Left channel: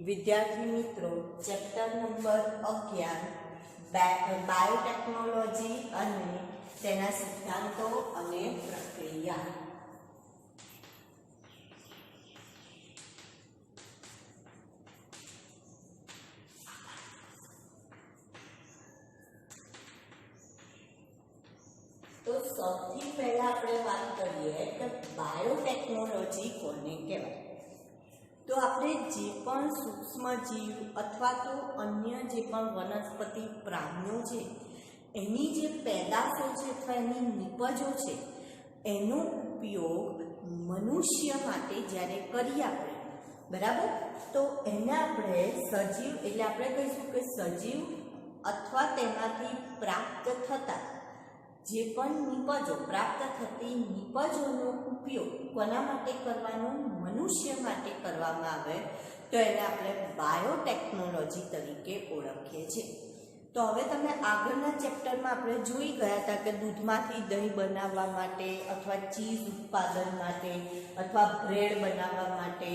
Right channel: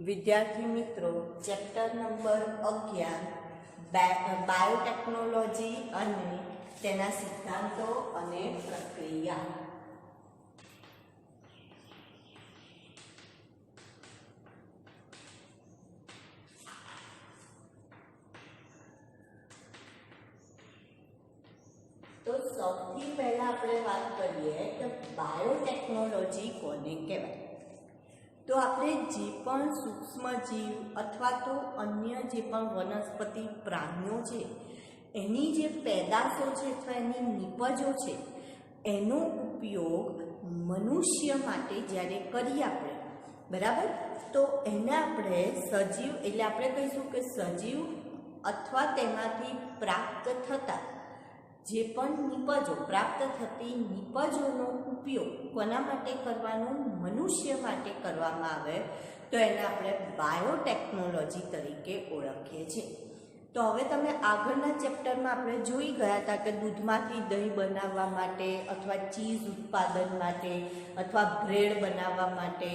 વિદ્યાર્થી મિત્રો, chapter number 11 biotechnology અને તેના સિદ્ધાંતો અને પ્રક્રિયા. તો સૌથી પહેલા આપણે વાત કરીએ કે બાયોટેકનોલોજી કોને કહેવાય. તો આપણે જે પણ સૂક્ષ્મ જીવ અથવા તો અન્ય જે પણ વનસ્પતિ પ્રાણીઓ છે એની જે પેદાશો છે અથવા એની નિપજો છે એનો ઉપયોગ મનુષ્ય માટે જ્યારે કરીએ આપણે, બરાબર, તો એને આપણે સજીવ એટલે આપણે કહીશું કે સજીવ અથવા તેમાંથી પ્રાપ્ત થતા જે પણ નિપજો, પ્રાપ્ત થતી નિપજોનો ઉપયોગ કોના માટે કરવાનો? મનુષ્ય માટે કરવામાં આવે તો એને આપણે બાયોટેકનોલોજી તરીકે ઓળખીએ છીએ. તો હવે તમે આગળના ચેપ્ટરમાં આપણે જોઈ ગયા હતા કે દૂધમાંથી દહીં બનાવવા માટે અથવા ચીઝ ઉત્પાદન માટે અથવા બ્રેડ બનાવવા માટે,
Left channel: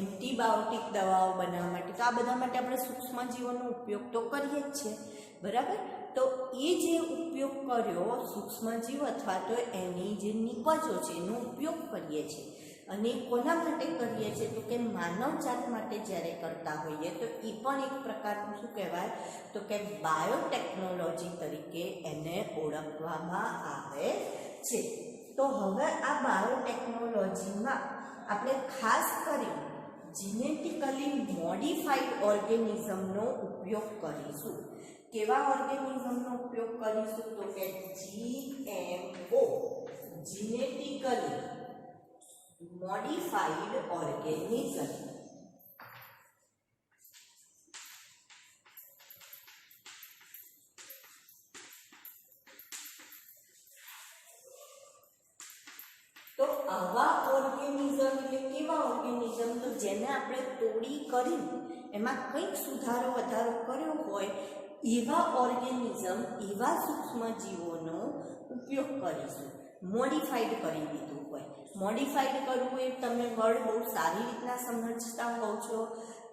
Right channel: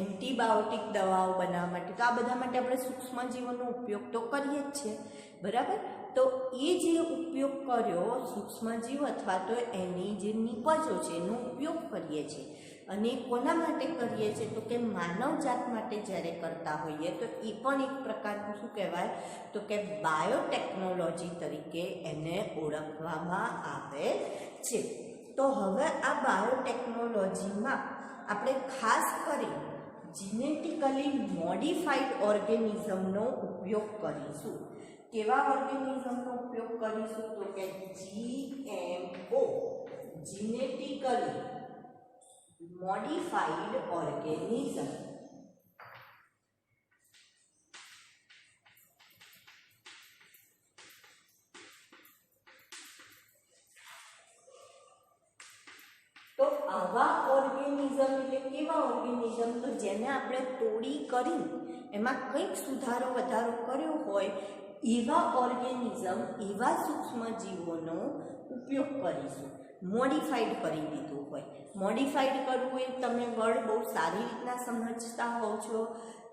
એન્ટીબાયોટિક દવાઓ બનાવવા માટે, તો આ બધા માટે આપણે સૂક્ષ્મજીવોનો ઉપયોગ તો કરીએ જ છીએ, બરાબર. તો એ જે ઉપયોગ કર્યો સૂક્ષ્મજીવ અથવા તો એની જે નિપજો છે એનો ઉપયોગ કરીએ છીએ અને કોના માટે કરીએ છીએ? તો કે માનવજાત માટે જ્યારે કરતા હોઈએ તો એ પણ એક પ્રકારનું શું કહેવાય? તો કે બાયોટેકનોલોજી તરીકે એને ઓળખવામાં આવે છે. તો હવે આ બાયોટેકનોલોજીમાં આપણે ખાસ કરી જીનેટિકલી મોડિફાઈડ ઓર્ગેનિઝમનો ઉપયોગ કરીશું. કેવા ઓર્ગેનિઝમનો ઉપયોગ કરીશું? તો કે GMO, જીનેટિકલી મોડિફાઈડ ઓર્ગેનિઝમ. તો આવા ઓર્ગેનિઝમ એટલે કેવા ઓર્ગેનિઝમ? તો જેને આપણે તોડી કરી એમાં કંઈક સુધારો વધારો કર્યો હોય એવા ઓર્ગેનિઝમ, એવા સૂક્ષ્મજીવોનો ઉપયોગ કરીશું. મોડિફાઈડ કરી દીધું હોય. મોડિફાઈડ કરવું એ તમે વર્ડ બહુ સારી રીતના સમજતા હોવ છો.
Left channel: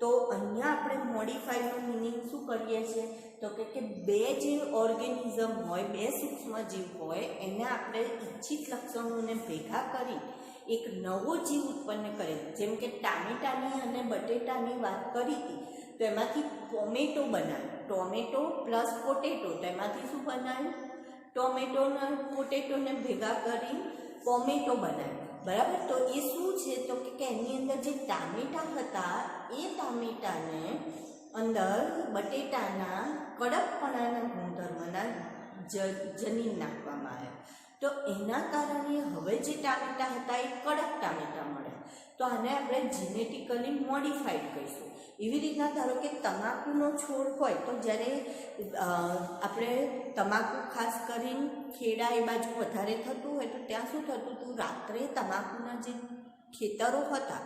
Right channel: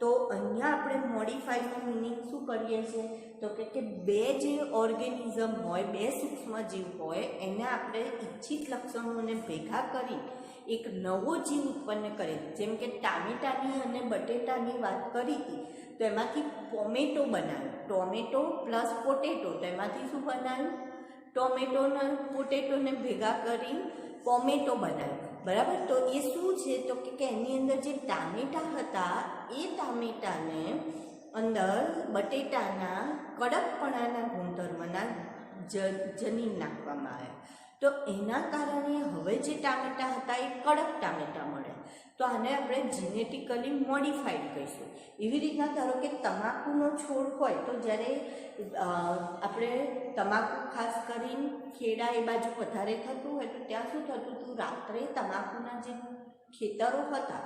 તો અહીંયા આપણે મોડિફાઈડનો મિનિંગ શું કરીએ છીએ? તો કે બે જે ઓર્ગેનિઝમ હોય, બે સૂક્ષ્મજીવ હોય, એને આપણે ઈચ્છિત લક્ષણોને ભેગા કરી એક નવો જીવ ઉત્પન્ન કરે. જેમ કે ટામેટાની અને બટેટાની વાત કરી હતી તો એમાંથી ટોમેટો બનાવ્યું. ટોમેટો પ્લસ પોટેટો, તો એમાંથી શું બનાવ્યું? ટોમેટોને પોટેટોને ભેગા કરી ટોમેટો બનાવ્યું, બરાબર. તો એ શું છે? તો કે એની અંદર જે ટામેટા હતા એ ટામેટાને અંદર બટેટાના કડકપણાના ગુણધર્મના જનીન નાખવામાં આવ્યા. તો એના કારણે હવે જે ટામેટા હતા એ કડક ટામેટા મળે. તો આને આપણે જીનેટિકલી મોડિફાઈડ કહીશું. એવી રીતના ધારો કે તમાકુનો છોડ હોય તો જ્યારે આપણે તમાકુ ખાસ કરીને ખેડા એ બાજુ વધારે થતું હોય તો ત્યાં શું થતું હતું? રાત્રે તમાકુના જે ખેતરો હતા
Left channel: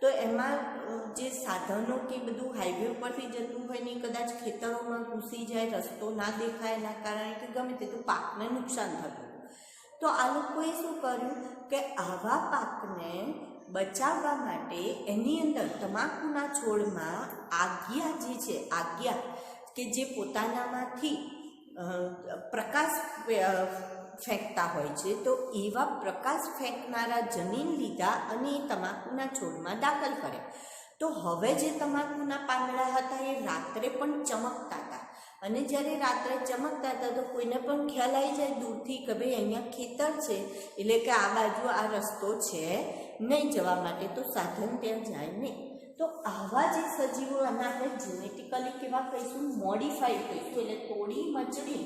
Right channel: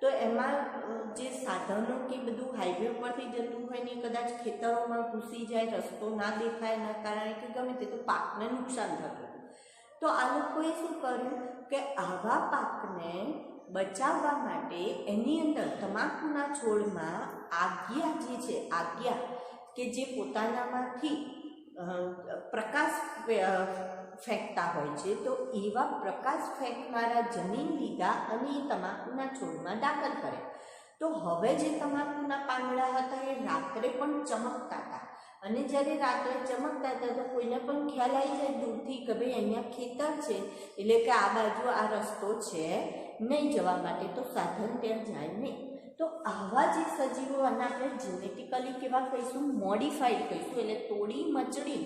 તો એમાં જે સાધનો કે બધું હાઈવે પરથી જતું હોય ને કદાચ ખેતરોમાં ઘૂસી જાય, રસ્તો ના દેખાય, એના કારણે કે ગમે તે, તો પાકને નુકસાન થતું. તો આ લોકોએ શું કર્યું કે આવા પાકને બચાવવા માટે એની અંદર તમાકુના છોડમાં આજ્ઞા જે છે, આજ્ઞા કે જે પોતાનામાંથી પ્રકાશ ફેંકતા હોય છે, તો એવા પ્રકાશ ફેંકનારા જનીન લીધા અને એ તમાકુના છોડમાં દાખલ કર્યા. તો હવે જે તમાકુના પાંદડા હતા એ રાત્રે પણ ચમકતા હતા. અને જ્યારે રાત્રે ચમકતા હતા તો કોઈને પણ ખ્યાલ આવી જાય દૂરથી કે ભાઈ અહીંયા ખેતર છે, એટલે કે આ બાજુ આ રસ્તો છે નહીં જવા માટે, તો સાધન ત્યાં જાય નહીં. તો આવા જે સજીવો અને આપણે જેનેટિકલી કેવા કહીશું? મોડિફાઈડ કહીશું. એટલે તોડી મચડી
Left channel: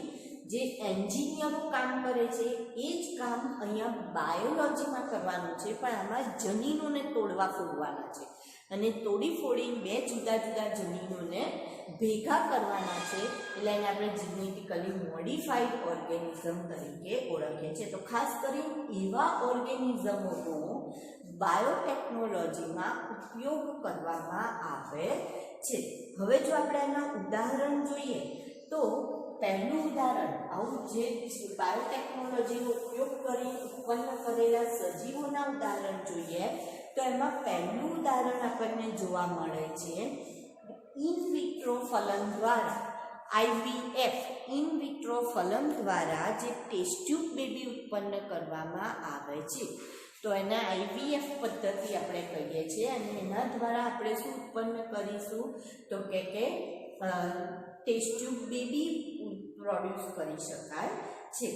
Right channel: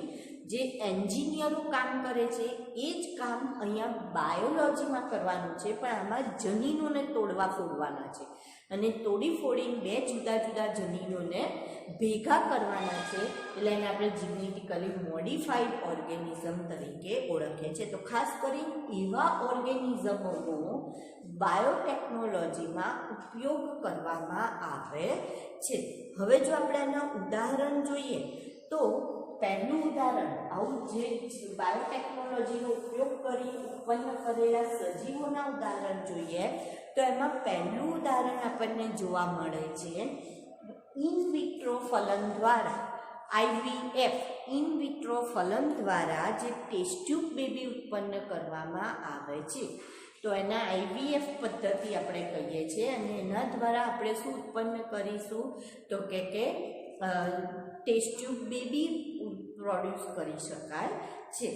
જે એન્જિનિયરો કામ કરે છે એ જ કામ અહીંયા બાયોલોજીમાં કરવાનું છે, પણ આમાં જનીનોને તોડવા ફોડવાના છે અને તોડી ફોડીને બે જુદા જુદા જનીનોને ભેગા કરવાના છે. એટલે એને આપણે જીનેટિકલી મોડિફાઈડ ઓર્ગેનિઝમ તરીકે ઓળખીએ છીએ. તો ખાસ કરીને એવા ઓર્ગેનિઝમોનો બાયોટેકનોલોજીમાં ઉપયોગ કરવામાં આવે છે. હવે જો આપણે આના ઉદાહરણ જોઈએ તો પહેલું ઉદાહરણ, આવું જે બાયોટેકનોલોજીનો ઉપયોગ કરી ઉત્પન્ન કરેલા સજીવોના ઉદાહરણ જોઈએ તો એમાં પહેલું ઉદાહરણ આપણને જોવા મળે છે ઇન વિટ્રો ફલન દ્વારા IVF ઇન વિટ્રો ફલન દ્વારા જે ટેસ્ટ ટ્યુબ બેબી ઉત્પન્ન કરવામાં આવે છે તો એના IVF પદ્ધતિ આપણે કહીએ છીએ અને એના દ્વારા આપણે શું ઉત્પન્ન કરીશું તો કે ટેસ્ટ ટ્યુબ બેબી પ્રોડ્યુસ કરી શકાય છે.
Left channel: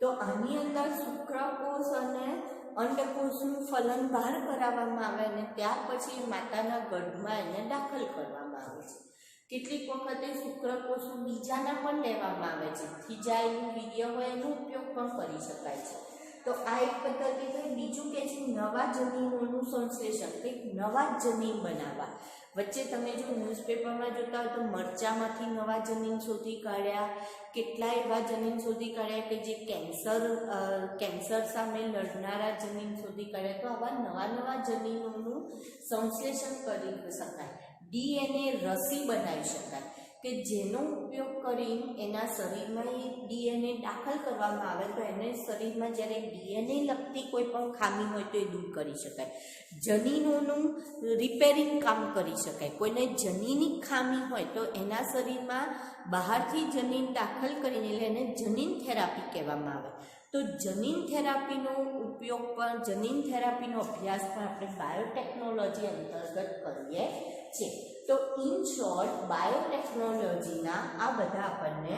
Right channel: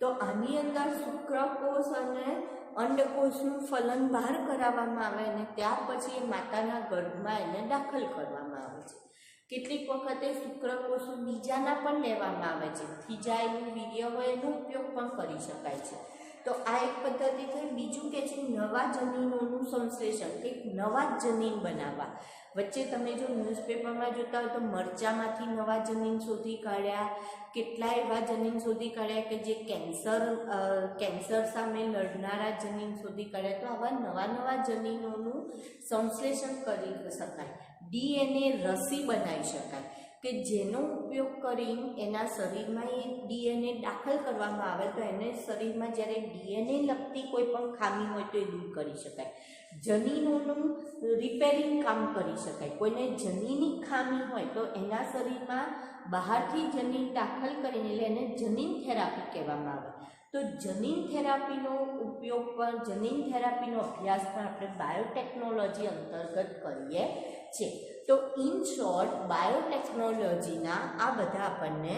તો આની અંદર શુક્રકોષ અને અંડકોષનું ફલન બહાર કરાવવામાં આવે અને ત્યાર પછી માતાના ગર્ભમાં એને દાખલ કરવામાં આવે છે. કેટલીક વખતે શુક્રકોષો બીજાના પણ લેવામાં આવે છે, થીજાયેલું વીર્ય હોય એનો ઉપયોગ પણ કરી શકાય છે. તો આ એક પદ્ધતિ થઈ. બીજું કે છે નવા જનીનોનું સંશ્લેષણ, કંઈક નવા જનીન બનાવવા. વચ્ચે તમે જો ન્યૂઝપેપરમાં જોતા હોય તો મરચામાંથી નવા જનીન શોધી કાઢ્યા, કેટલા એવા જનીન શોધી કાઢ્યા કે જે કેન્સર સામે લડનારા જનીન શોધી કાઢ્યા. તો આવા નવા નવા જનીનોનું સંશ્લેષણ કરી શકાય. DNA રસી બનાવી શકાય કે જેનો ઉપયોગ કરીને એના શરીરમાં એ DNA દાખલ કરવામાં આવે તો એને શરીરમાં જ્યારે DNA લગતી કોઈ પણ ખામી હોય તો એ દૂર કરી શકાય. જનીનોનું રિપેરિંગ કામ કરી શકાય. કોઈને જનીની ખામી હોય તો એના શરીરમાં બહારથી જનીન દાખલ કરીને એટલે એને જનીન થેરાપી કહેવામાં આવે. તો જનીન થેરાપીનો ઉપયોગ પણ, જનીન થેરાપીનો અભ્યાસ પણ આપણે બાયોટેકનોલોજી અંતર્ગત કરીએ છીએ. તો ઇન શોર્ટ બાયોટેકનોલોજીના આ બધા આપણને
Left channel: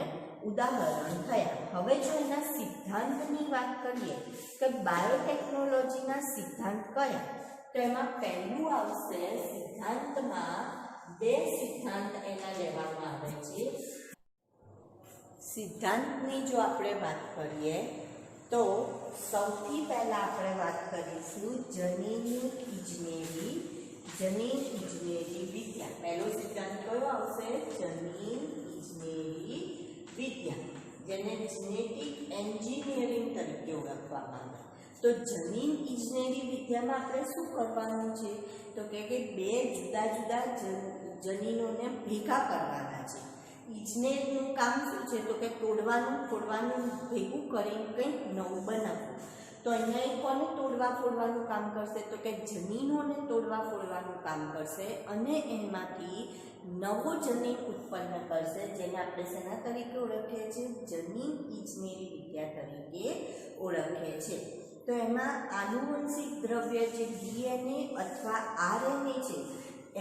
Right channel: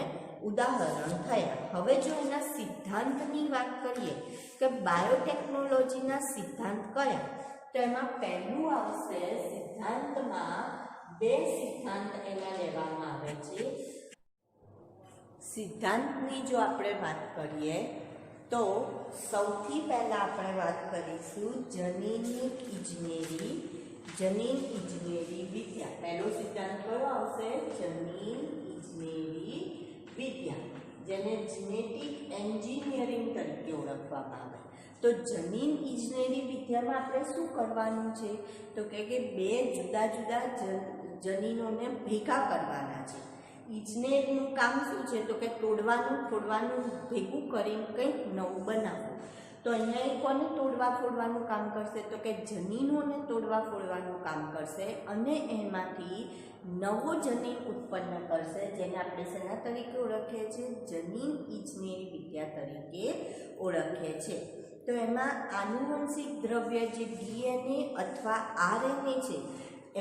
ઉદાહરણ થયા. હવે જો એના સિદ્ધાંતની વાત કરીએ કે બાયોટેકનોલોજીના સિદ્ધાંત કયા, તો એમાં પહેલું આવશે સિદ્ધાંતમાં 2 સિદ્ધાંત એના લેવામાં આવે છે. સિદ્ધાંતની જો આપણે વાત કરીએ તો સૌથી પહેલાં આપણે વાત કરીશું જનીન ઇજનેરી વિદ્યા. પહેલો સિદ્ધાંત કયો આવશે? જનીન ઇજનેરી વિદ્યા, જેને જેનેટિક એન્જિનિયરિંગ તરીકે ઓળખવામાં આવે. તો જનીન ઇજનેરી વિદ્યામાં આપણે શું કરવાનું છે તો કે 2 જુદા જુદા જનીનોને ભેગા કરવાના છે. ઇજનેરનું કામ શું છે તો કે તોડવાનું ભેગું કરીને કંઈક નવું બનાવવું. તો અહીંયા એ કોને તોડવા ફોડવાનું કામ કરશે તો કે જનીનોને તોડવા ફોડવાનું કામ કરશે અને એમાંથી નવો જનીન ઉત્પન્ન કરશે, જેને આપણે શેના તરીકે ઓળખીએ છીએ? જનીન ઇજનેરી વિદ્યા તરીકે ઓળખીએ છીએ. તો એમાં આનુવંશિક દ્રવ્ય જે DNA અથવા RNA છે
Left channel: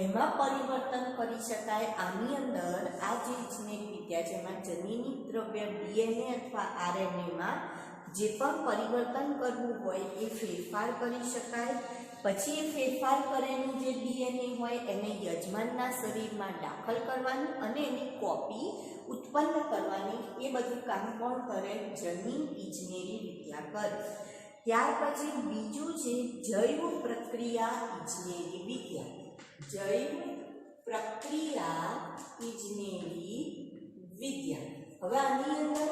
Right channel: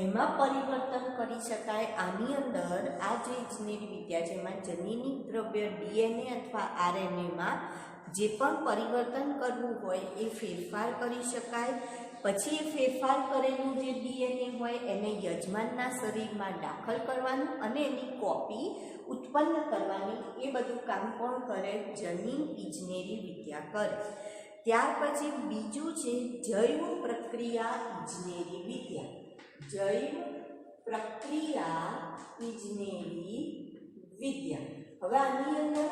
એમાં પરિવર્તન કરી શકાય. આની અંદર આ જે ઇજનેરી વિદ્યા છે એમાં જનીનિક દ્રવ્ય DNA અથવા RNAમાં જે પણ પરિવર્તન કરવું હોય એ ફેરફાર કરી શકાય. પછી એ ફેરફાર કરેલું જે DNA હોય એને યજમાનના શરીરમાં દાખલ કરવાનું અને એની કોપી ઉત્પન્ન કરવાની. એ બધું કામ કોણ કરે? જનીન ઇજનેરી વિદ્યા કરે. ત્યાર પછી બીજું છે જૈવ પ્રક્રિયા ઇજનેરી વિદ્યા. જૈવ પ્રક્રિયા ઇજનેરી વિદ્યા. હવે આની અંદર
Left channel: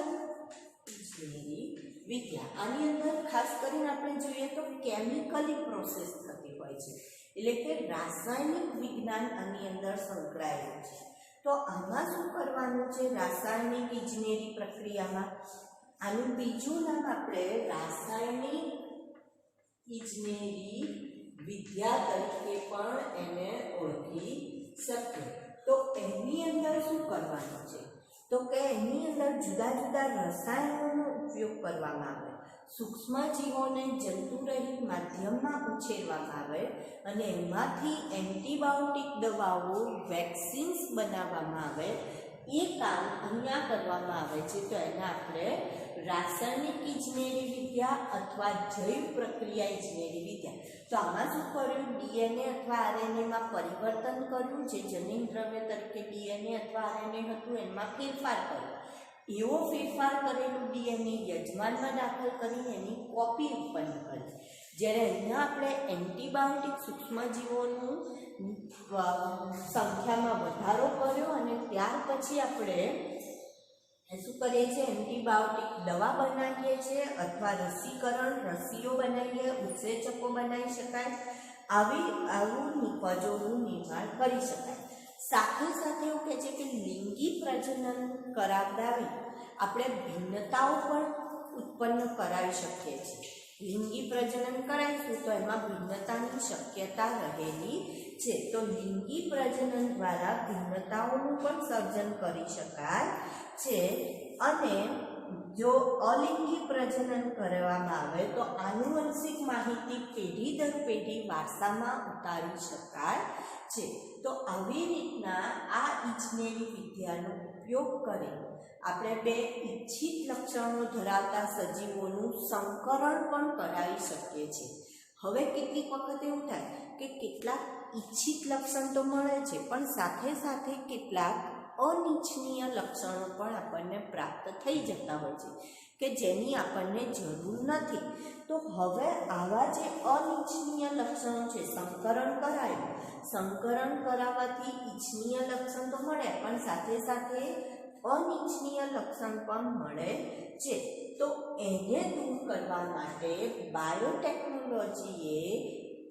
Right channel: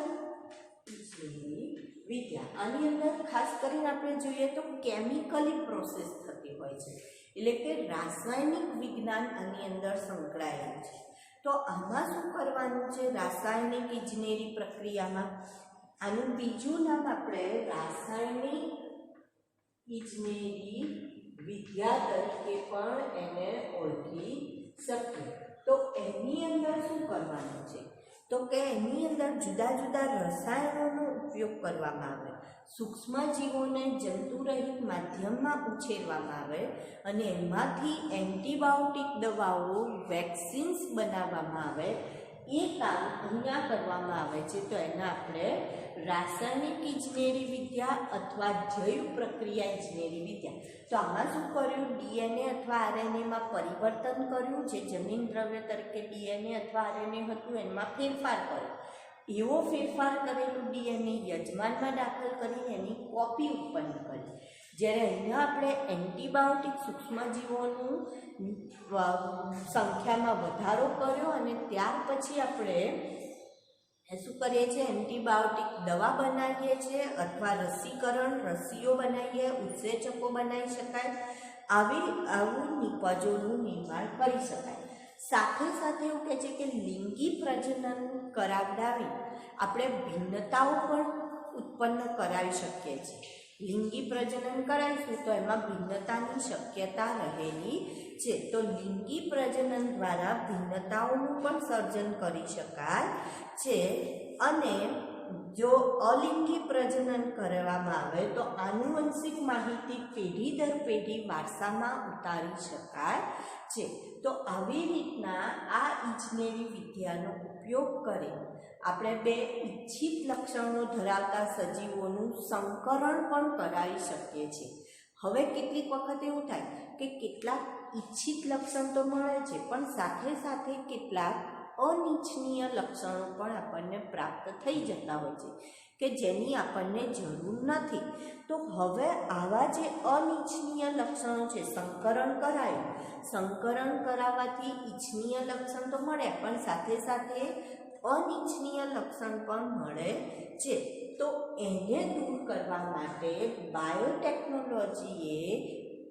ઇજનેરી વિદ્યા, આની અંદર ખાસ કરીને આપણે જોઈએ તો કેમિકલી પ્રોસેસ થતી હોય છે, એટલે કે રાસાયણિક વિજ્ઞાન આની અંદર સંકળાયેલું છે. તો આમાં શું કરવાનું છે? રાસાયણિક ઇજનેરી પ્રક્રિયામાં આનું બીજું નામ આપણે રાસાયણિક ઇજનેરી વિદ્યા તરીકે પણ એને ઓળખી શકીએ. તો એની અંદર શું કરવાનું છે તો કે એની અંદર જુદા જુદા રસાયણોનો ઉપયોગ કરવામાં આવે. સૂક્ષ્મજીવોને જંતુરહિત માધ્યમમાં ઉછેરવામાં આવે અને એમાંથી એન્ટીબાયોટિક દવાઓ, વેક્સિન્સ બનાવવામાં આવે. એ કામ અહીંયા કરવામાં આવે છે. તો એને આપણે રાસાયણિક ઇજનેરી વિદ્યા અથવા જૈવ પ્રક્રિયા ઇજનેરી વિદ્યા. તો આમાં શું કર્યું? DNA અથવા RNAમાં પરિવર્તન કર્યું. જે જનીન દ્રવ્ય તરીકે DNA અથવા RNA હતું એમાં ફેરફાર કર્યો. એવો ફેરફાર કરેલું DNA યજમાનમાં દાખલ કરીને એની કોપી ઉત્પન્ન કરી. જ્યારે અહીંયા આપણે એન્ટીબાયોટિક સૂક્ષ્મજીવોનું સંખ્યામાં વધારો કર્યો અને ત્યાર પછી આપણે શું કરીએ છીએ? એન્ટીબાયોટિક દવા બનાવીએ છીએ અથવા રસીઓ બનાવીએ, ઉત્સેચકો બનાવી શકાય. આવું નિપજોનું નિર્માણ કરી શકાય. સાથે સાથે એવું કહે છે કે લિંગી પ્રજનન કરાવડાવી આપણે ભિન્નતાઓ પણ ઉત્પન્ન કરાવી શકીએ છીએ. લિંગી પ્રજનન કરાવીશું તો એમાં ભિન્નતાની શક્યતા રહેલી છે. તો લિંગી પ્રજનન દ્વારા ભિન્નતાઓનું પણ સર્જન કરી શકાય છે. અને જો અલિંગી પ્રજનન કરવામાં આવે તો આનુવંશિક માહિતી પેઢી દર પેઢી વારસામાં ઉતારી શકાય છે. તો આવી રીતના આ ઇજનેરી વિદ્યાનો ઉપયોગ કરી આપણે બે ઇચ્છિત લક્ષણો ધરાવતા સજીવોનું સંકરણ પણ કરાવી શકીએ છીએ. હવે કેટલીક વખત એવું થાય કે કેટલાક ઇચ્છિત લક્ષણ તો મળે છે, પણ સાથે સાથે કેટલાક અનિચ્છનીય લક્ષણો પણ આપણને પ્રાપ્ત થઈ જતા હોય છે કે જેની આપણને જરૂર નથી. તો હવે આવા જે અનિચ્છનીય લક્ષણો છે, સંકરણ કરાય, સંકરણ કરાવવાથી ઇચ્છનીય લક્ષણ તો મળે પણ સાથે સાથે અનિચ્છનીય લક્ષણ પણ મળે છે. તો એને દૂર કરવા માટે બાયોટેકનોલોજીએ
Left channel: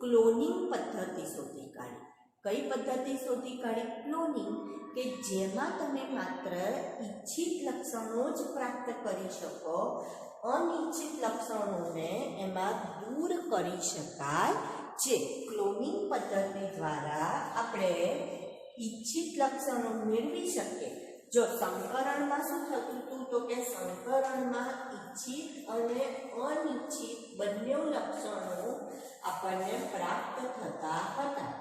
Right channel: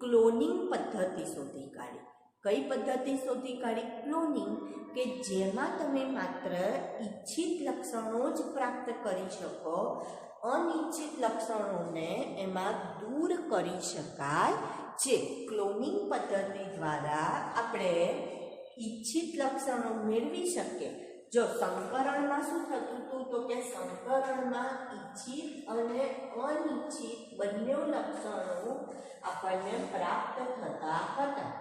ક્લોનિંગ પદ્ધતિ શોધી કાઢી. કઈ પદ્ધતિ શોધી કાઢી? ક્લોનિંગ, કે જેમાં તમે માત્ર ઈચ્છિત લક્ષણો જ પ્રાપ્ત કરી શકો, અનિચ્છિત લક્ષણોને એમાં દૂર કરી શકાય છે. ક્લોનિંગ પદ્ધતિ દ્વારા આપણે ઈચ્છિત લક્ષણો મેળવી શકીએ. જો સંકરણમાં શું થતું હતું તો કે સંકરણમાં ઈચ્છિત અને અનિચ્છિત બંને લક્ષણો આપણને પ્રાપ્ત થતા હતા.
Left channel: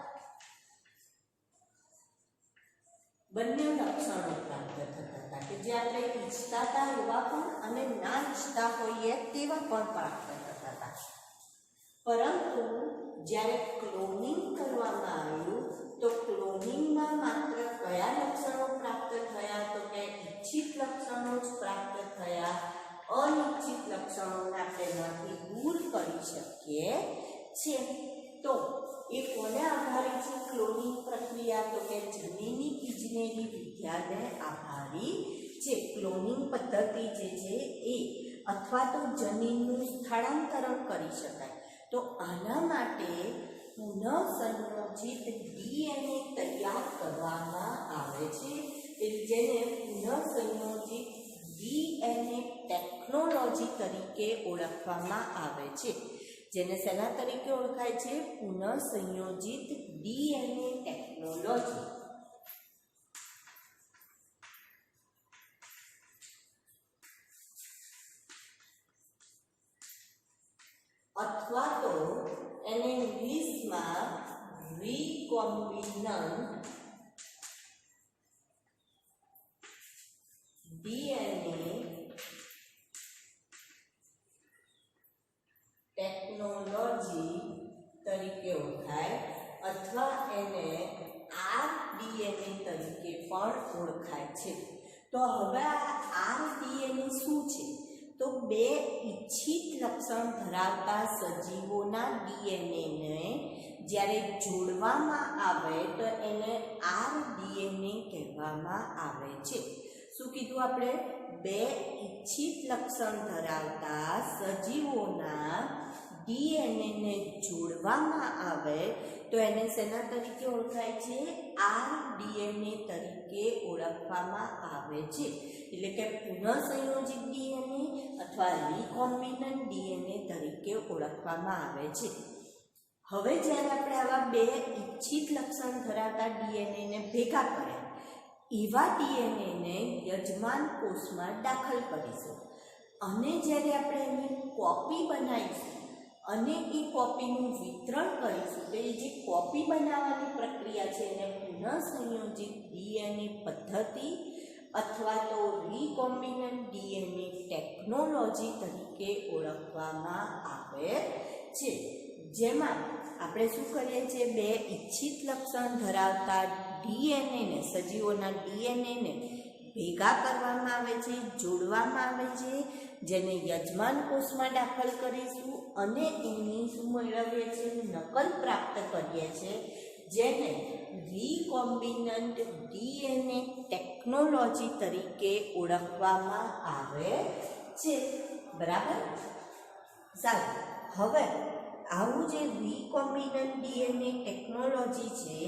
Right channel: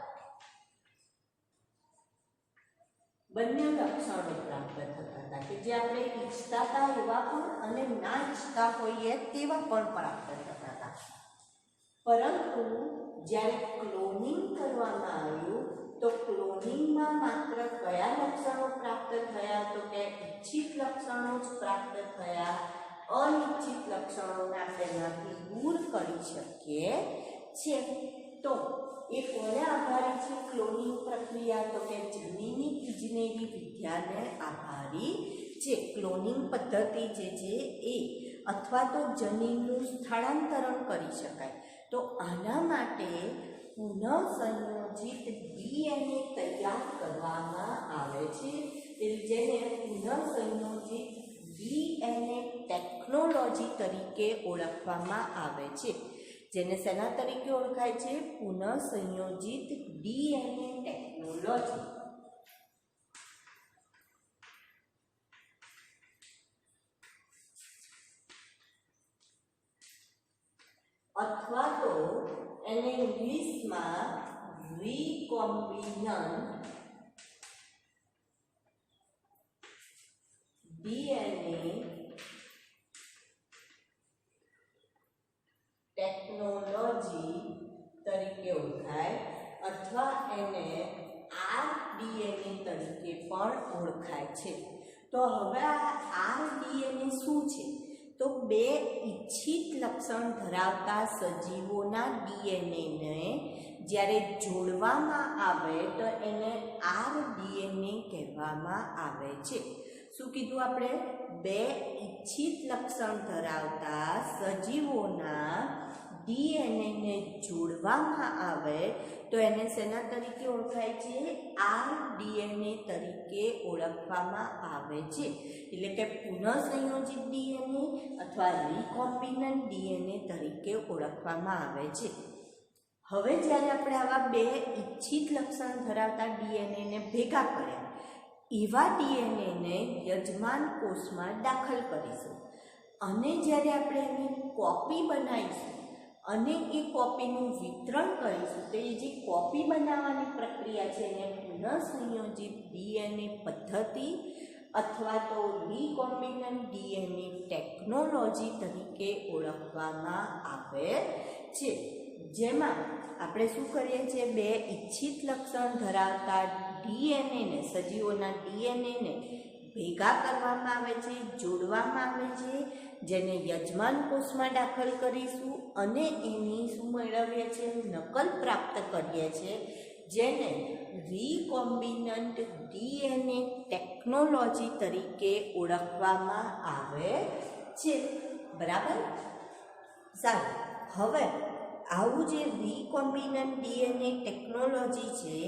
બંને લક્ષણો પ્રાપ્ત થતા હતા કે જે આપણે ઈચ્છતા હતા એવા પણ અને ના ઈચ્છતા હોઈએ તેવા પણ પ્રાપ્ત થતા હતા. પરંતુ જ્યારે ક્લોનિંગ કરવામાં આવ્યું તો ક્લોનિંગમાં માત્ર કયા લક્ષણો પ્રાપ્ત થયા? તો કે ઈચ્છિત લક્ષણો જ પ્રાપ્ત થયા. અનિચ્છિત લક્ષણોને આપણે એનાથી દૂર કરી શકીએ છીએ. તો એ કોને આભારી છે ક્લોનિંગ પ્રક્રિયા? તો કે જનીની ઇજનેરી વિદ્યાને આભારી છે. ક્લોનિંગ પદ્ધતિ જે છે એ અથવા તો જનીનનું સ્થળાંતરણ કરી શકાય. તો આના માટે પુનઃસંયોજિત ડીએનએ તૈયાર કરવામાં આવે છે, જેને પુનઃસંયોજિત ડીએનએ ટેકનોલોજી તરીકે ઓળખવામાં આવે છે. જેને શેના તરીકે ઓળખાય છે? પુનઃસંયોજિત ડીએનએ ટેકનોલોજી. અથવા તો એને ઇંગ્લિશમાં રિકોમ્બિનન્ટ ડીએનએ ટેકનોલોજી તરીકે ઓળખાય, અથવા એને આરડીએનએ તરીકે પણ ઓળખાય છે. તો હવે આ આરડીએનએ શું છે? તો બે ઈચ્છિત લક્ષણ ધરાવતા સજીવોના ડીએનએને જ્યારે જોડવામાં આવે તો એને આરડીએનએ કહેવામાં આવે છે. શું કીધું આપણે? બે ઈચ્છિત લક્ષણ ધરાવતા સજીવોના ડીએનએને જોડવામાં આવે તો એને શેના તરીકે ઓળખાય છે? આરડીએનએ તરીકે ઓળખવામાં આવે છે. એટલે કે પુનઃસંયોજિત ડીએનએ અથવા રિકોમ્બિનન્ટ ડીએનએ તરીકે ઓળખવામાં આવે છે. હવે જ્યારે આપણે આવા બે ઈચ્છિત લક્ષણ ધરાવતા ડીએનએને ભેગા કર્યા, એવા ડીએનએને યજમાન કોષમાં દાખલ કરીશું અને જ્યારે આપણે એની કોપી બનાવીશું અને એ કોપીનું વિતરણ કરીશું તો એ જે કોપી બનાવવાની પ્રક્રિયા છે એને પુનઃસંયોજિત ડીએનએ પદ્ધતિ અથવા તો રિકોમ્બિનન્ટ ડીએનએ ટેકનોલોજી તરીકે ઓળખવામાં આવે છે. જેમાં આપણે શું કરીએ છીએ? બે ઈચ્છિત લક્ષણ ધરાવતા ડીએનએને, સજીવોના ડીએનએને ભેગા કરવામાં આવે છે, જોડવામાં આવે છે, જેને યજમાન કોષમાં દાખલ કરીશું અને એની શું મેળવીએ છીએ? નકલ પ્રાપ્ત કરીએ છીએ, જેને રિકોમ્બિનન્ટ ડીએનએ ટેકનોલોજી તરીકે ઓળખવામાં આવે છે. બરાબર? સારું. હવે આવું જે રિકોમ્બિનન્ટ ડીએનએ ટેકનોલોજી છે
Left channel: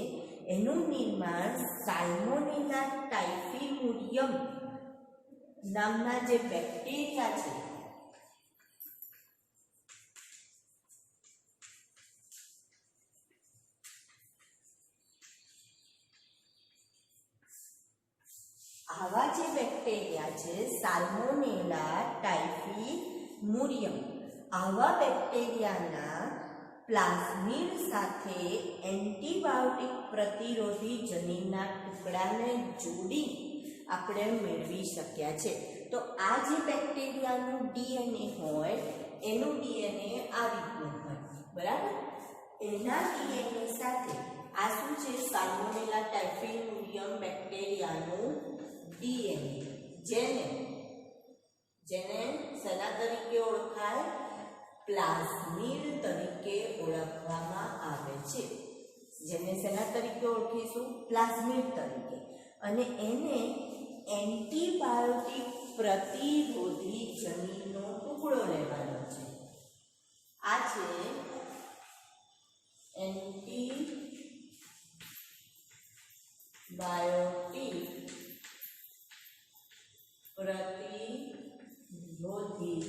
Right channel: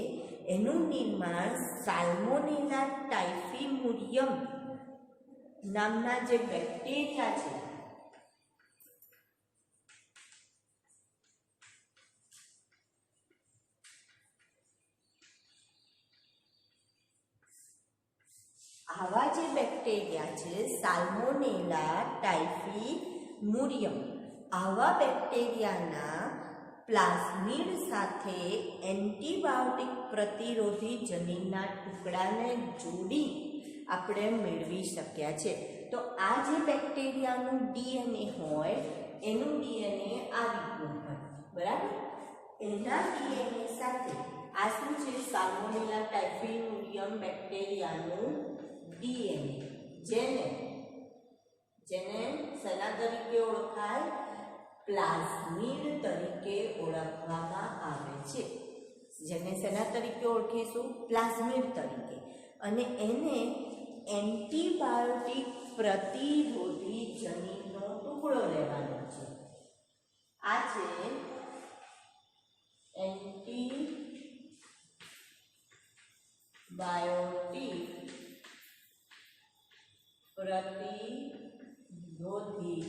એનું નિર્માણ સાલ્મોનેલા ટાઇફિમુરિયમ નામના જે બેક્ટેરિયા છે આવા જે બેક્ટેરિયા છે સાલ્મોનેલા ટાઇફીમુરિયમ, આવા બેક્ટેરિયાના પ્લાઝમિડ સાથે એન્ટીબાયોટિક પ્રતિરોધી જનીનના ટુકડાને જોડી આપણે મેળવી શક્યા છે. તો આ જે બેક્ટેરિયાનું ડીએનએ હોય એનું ડીએનએ આ રીતનું હોય, બરાબર. એના ડીએનએ સાથે આ શું છે? સાલ્મોનેલા ટાઇફીમુરિયમ બેક્ટેરિયાનું ડીએનએ, જેને શેના તરીકે ઓળખાય? પ્લાઝમિડ તરીકે ઓળખવામાં આવે છે. જેને શેના તરીકે ઓળખીશું? પ્લાઝમિડ તરીકે. અને એને એન્ટીબાયોટિક પ્રતિરોધી જનીનનો ટુકડો લેવાનો છે. આ છે એન્ટીબાયોટિક પ્રતિરોધી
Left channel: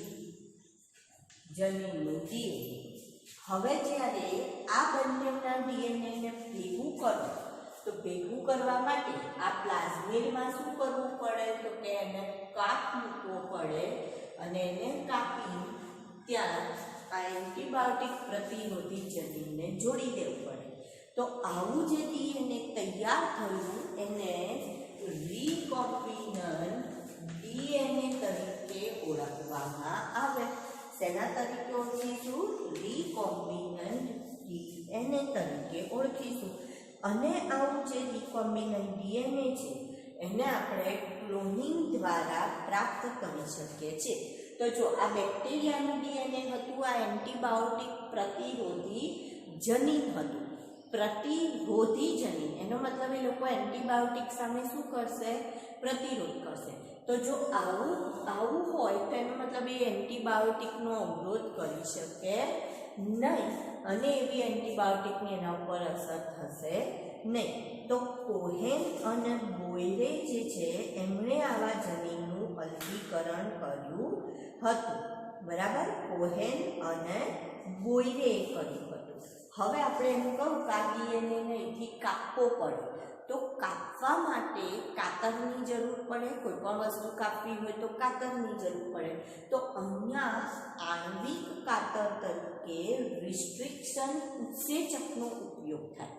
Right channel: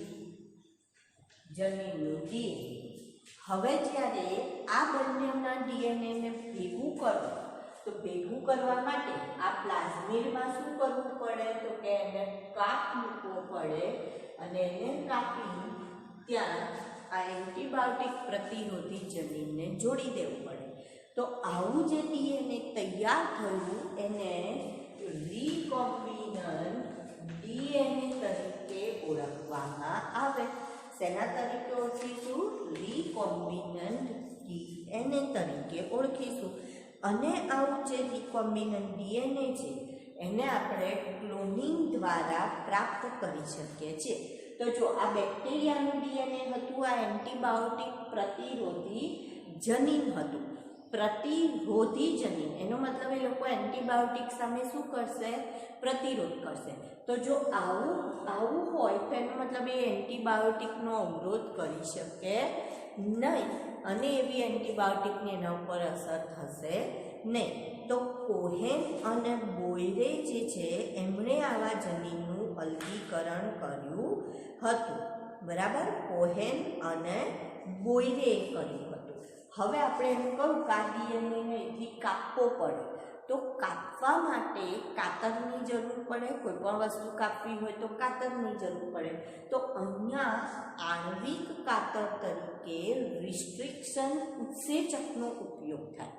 જનીનનું ડીએનએ. હવે જ્યારે આ બંનેના ડીએનએને ભેગું કરો તો ભેગું કરવા માટે આ પ્લાઝમિડમાં શું કરવું પડે? તો કે એને કાપ મૂકવો પડે અને એને કાપી ત્યાં આ એન્ટીબાયોટિક પ્રતિરોધી જનીનને જોડી દેવું પડે. તો આવું જે ડીએનએ તૈયાર થયું એને રિકોમ્બિનન્ટ ડીએનએ તરીકે ઓળખવામાં આવે. શેના તરીકે ઓળખીશું? રિકોમ્બિનન્ટ ડીએનએ તરીકે ઓળખીશું. અને આવું જે રિકોમ્બિનન્ટ ડીએનએ છે એને આપણે ક્લોનિંગ દ્વારા પ્રાપ્ત કરી શકીએ છીએ. તો જો આ બેક્ટેરિયાનું ડીએનએ હતું, આ એન્ટીબાયોટિક પ્રતિરોધી જનીન હતું. પ્રતિરોધી જનીન એનો મતલબ એ લોકો એન્ટીબાયોટિક સામે શું કરશે? પ્રતિરોધ કરશે. તો જો આવું હોય તો એનો મતલબ એ એન્ટીબાયોટિકનો અવરોધ કરી શકે નહીં અને એવી એન્ટીબાયોટિકની એના ઉપર અસર થશે નહીં. તો કોહેન અને બોયરે જે છે એમણે આવા જનીનનું અલગીકરણ કર્યું હતું, બરાબર. કોહેન અને બોયરે કર્યું હતું. હવે આપણે એમ કહું કે આ ડીએનએને અહીંથી કાપવો પડે તો કાપવા માટે કાતરની જરૂર પડે. કોઈ પણ વસ્તુ કાપવી હોય તો કાતરની જરૂર પડે. તો અહીંયા આણ્વિક કાતર તરીકે રિસ્ટ્રિક્શન ઉત્સેચકનો ઉપયોગ થાય.